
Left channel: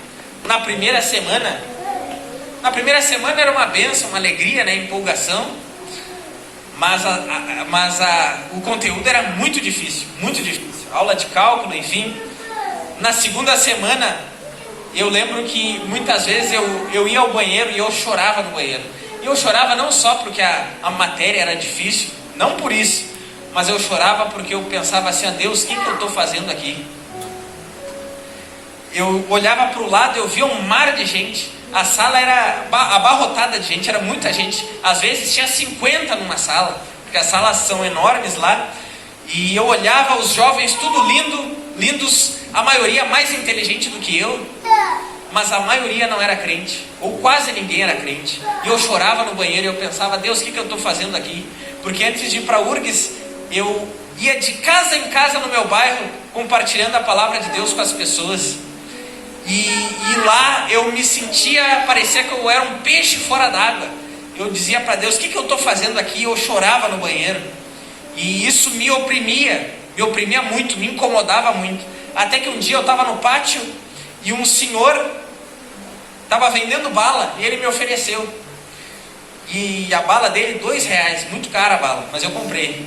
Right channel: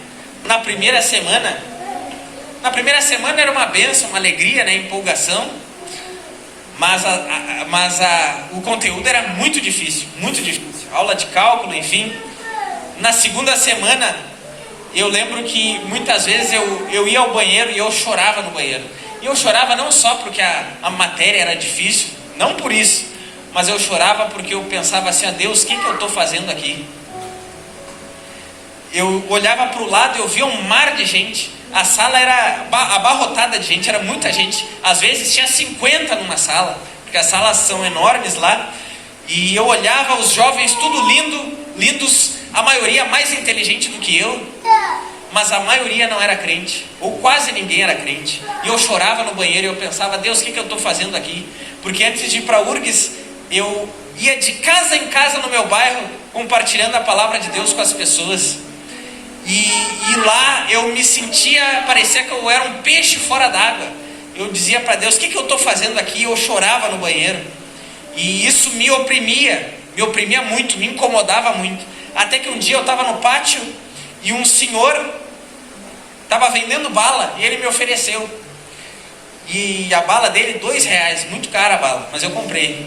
na primeira semana era uma bênção, uma alegria, né, empolgação. Mas o conteúdo era muito difícil, muito difícil. Aula de cálculo, enfim. Na segunda semana, eu lembro que muitas vezes eu ia ao banheiro e eu chorava no banheiro. E eu chorava não só porque a matéria era difícil, não por isso, mas eu chorava porque eu pensava assim: Deus, o que eu estou fazendo aqui? Eu olhava para o lado, eu via um mar de gente. A sala era abarrotada de gente, era muita gente. Às vezes tinha 50 numa sala, porque as salas são enormes lá. E eu olhava os jovens tudo lindos, a maioria mais inteligente do que eu, mas a maioria não era crente, ou quase ninguém era crente. E eu chorava no banheiro e eu pensava: Deus, o que eu estou fazendo aqui? Porque antes de ir para a URGS, eu ia de casa em casa no meu bairro, compartilhando a palavra de Deus com as pessoas. E lá eu me sentia, parecia que eu era um peixe fora d'água. Eu dizia para Deus: o que eu estou fazendo aqui? Eu chorava no banheiro. E isso me oprimia muito, me incomodava muito. Até que um dia eu estava no pátio e um senhor estava vendendo bala e ele me ofereceu. E a bala dele, R$2, muito cara a bala, mas eu comprei.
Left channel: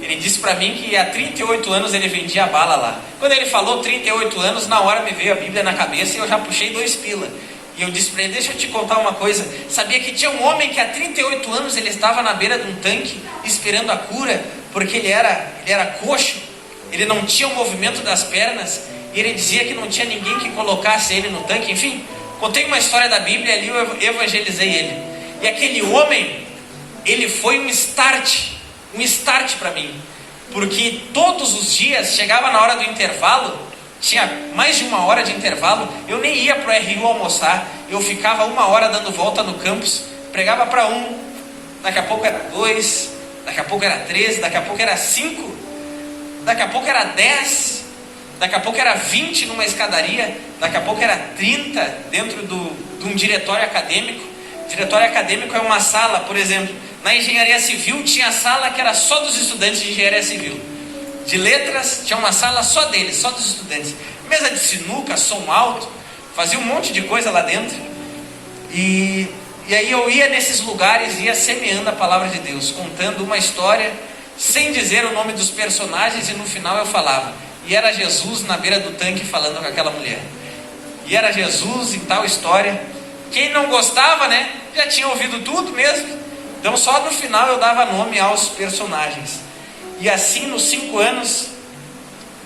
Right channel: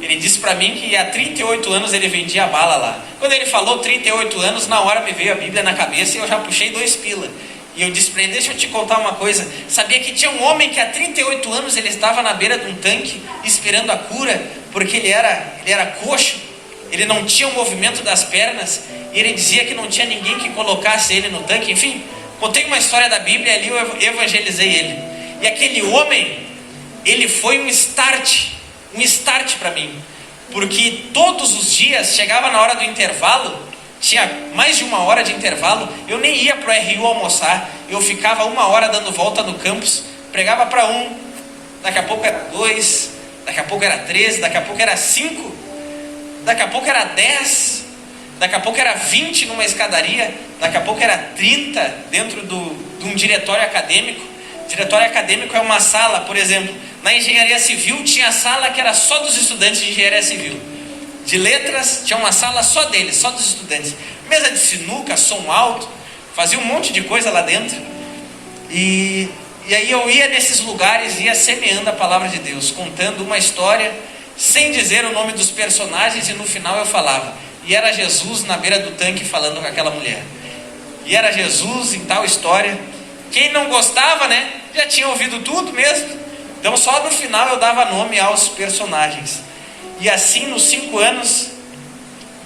Ele disse para mim que há 38 anos ele vendia a bala lá. Quando ele falou 38 anos, na hora me veio a Bíblia na cabeça e eu já puxei 2 pila. E eu disse para ele: deixa eu te contar uma coisa. Sabia que tinha um homem que há 38 anos ele estava na beira de um tanque esperando a cura, porque ele era coxo, ele não tinha o movimento das pernas, e ele dizia que não tinha ninguém que colocasse ele no tanque. Enfim, contei uma história da Bíblia e ali eu evangelizei ele. E aquele homem, ele foi um start para mim, porque todos os dias, chegava na hora do intervalo, tinha mais de 1 hora de intervalo, eu nem ia para o RU almoçar, eu ficava 1 hora dando volta no campus, pregava para um, daqui a pouco era 2, daqui a pouco era 3, daqui a pouco era 5, daqui a pouco era 10, daqui a pouco era 20 numa escadaria, daqui a pouco era 30 dentro de um diretório acadêmico. Diretório acadêmico é uma sala, por exemplo, na engenharia civil tinha sala que era só dos estudantes de engenharia civil. De letras tinha uma sala só deles, só dos estudantes. Mesa de sinuca, som alto, fazia um monte de coisa lá dentro. E aí eu ia nesses lugares, ia semeando a palavra de Deus, contando uma história, sem dizer o nome dos personagens, e no final eu falava. E era Jesus na beira do tanque falando com aquela mulher. E era Jesus em tal história. Quem não gostava, né, já tinha ouvido tudo mesmo. Então só no final eu dava nome aos personagens. E assim, nos 5 anos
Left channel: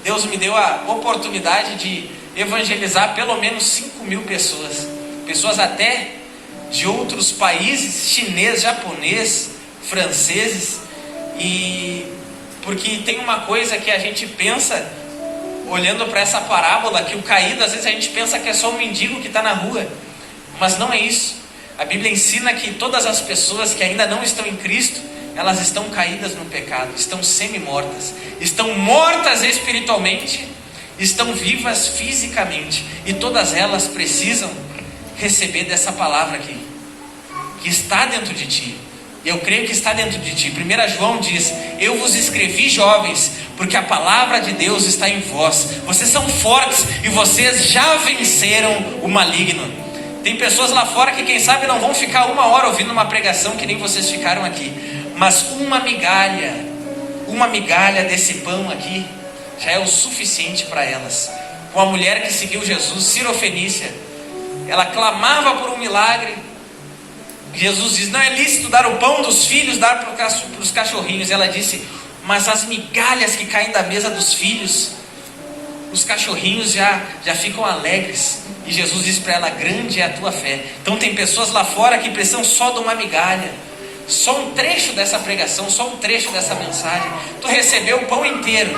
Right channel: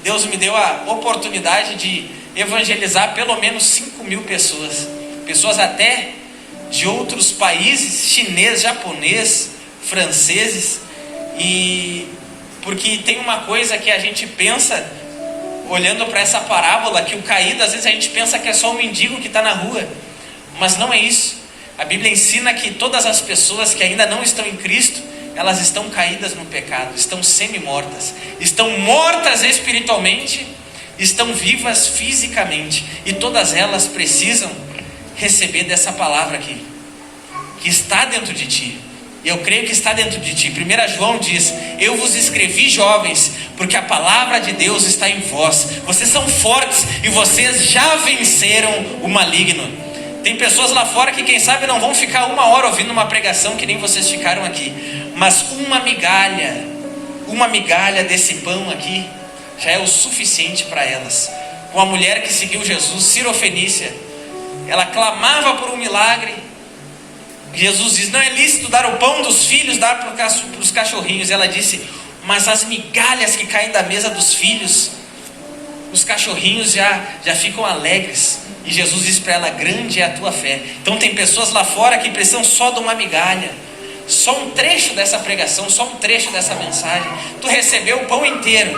Deus me deu a oportunidade de evangelizar pelo menos 5.000 pessoas. Pessoas até de outros países, chinês, japonês, franceses. E porque tem uma coisa que a gente pensa, olhando para essa parábola, que o caído, às vezes a gente pensa que é só um mendigo que está na rua. Mas não é isso. A Bíblia ensina que todas as pessoas que ainda não estão em Cristo, elas estão caídas no pecado, estão semi-mortas, estão mortas espiritualmente, estão vivas fisicamente, e todas elas precisam receber dessa palavra aqui, que está dentro de ti. Eu creio que está dentro de ti. 1 João diz: eu vos escrevi, jovens, porque a palavra de Deus está em vós. Vocês são fortes e vocês já venceram o maligno. Tem pessoas lá fora que quem sabe não vão ficar 1 hora ouvindo uma pregação que nem vocês ficaram aqui, mas uma migalha desse pão aqui já é o suficiente para elas. Uma mulher que seguiu Jesus, Sirofenícia, ela clamava por um milagre. Jesus diz: não é lícito dar o pão dos filhos, dar para os cachorrinhos. Ela disse: mas as migalhas que caem da mesa dos filhos, os cachorrinhos já ficam alegres. E Jesus diz para ela: grande é a tua fé. Então tem pessoas lá fora que precisam só de uma migalha, só um trecho dessa pregação, só um trecho dessa mensagem. Tu recebeu o pão inteiro,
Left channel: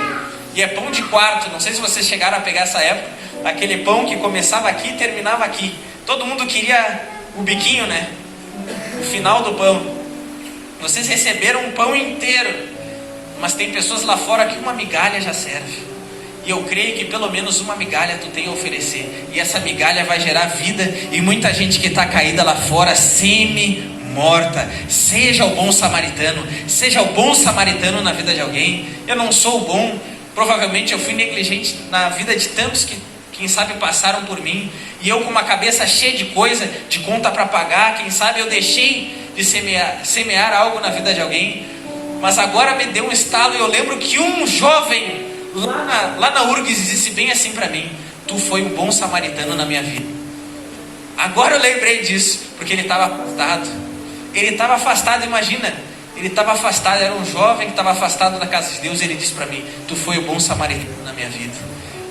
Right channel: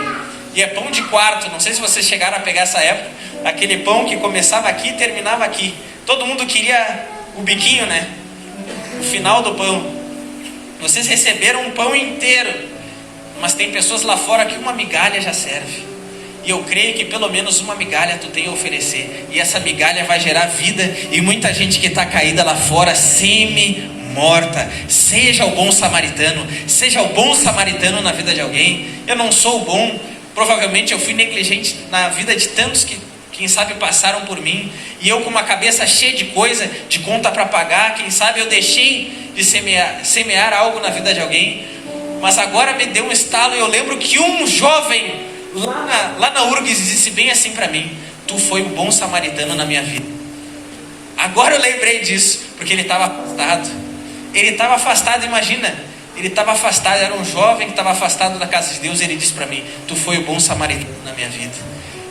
e é pão de quarto. Não sei se vocês chegaram a pegar essa época, aquele pão que começava aqui e terminava aqui. Todo mundo queria o biquinho, né? O final do pão. Vocês receberam um pão inteiro, mas tem pessoas lá fora que uma migalha já serve. E eu creio que pelo menos uma migalha tu tem a oferecer, e essa migalha vai gerar vida. E muita gente que está caída lá fora, semi-morta. Seja o bom samaritano, seja o bom samaritano na vida de alguém. Eu não sou o bom, provavelmente eu fui negligente na vida de tantos que, quem sabe, passaram por mim, e eu com uma cabeça cheia de coisa, de conta para pagar, quem sabe eu deixei de semear algo na vida de alguém. Mas agora me deu um estalo, e eu lembro que um jovem lá na URGS disse bem assim para mim: tu foi um bom samaritano na minha vida. Agora eu lembrei disso, porque ele estava afastado. Ele estava afastado, imagina. Ele estava afastado, era um jovem que estava afastado da casa de Deus. Ele disse para mim: tu foi o bom samaritano na minha vida.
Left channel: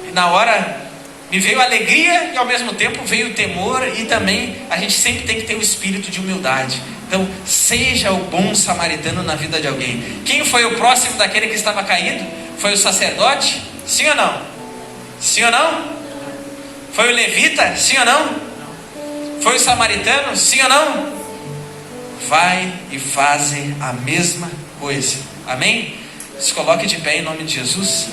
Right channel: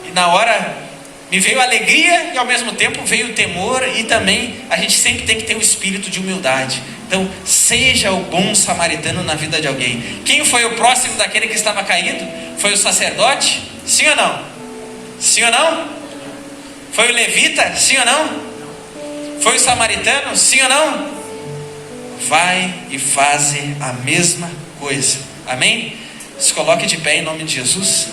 E na hora me veio alegria, e ao mesmo tempo veio o temor. E também a gente sempre tem que ter o espírito de humildade. Então seja o bom samaritano na vida de alguém. Quem foi o próximo daquele que estava caído? Foi o sacerdote? Sim ou não? Sim ou não? Foi o levita? Sim ou não? Foi o samaritano? Sim ou não? Vai e faze a mesma coisa. Amém? Se coloque de pé em nome de Jesus.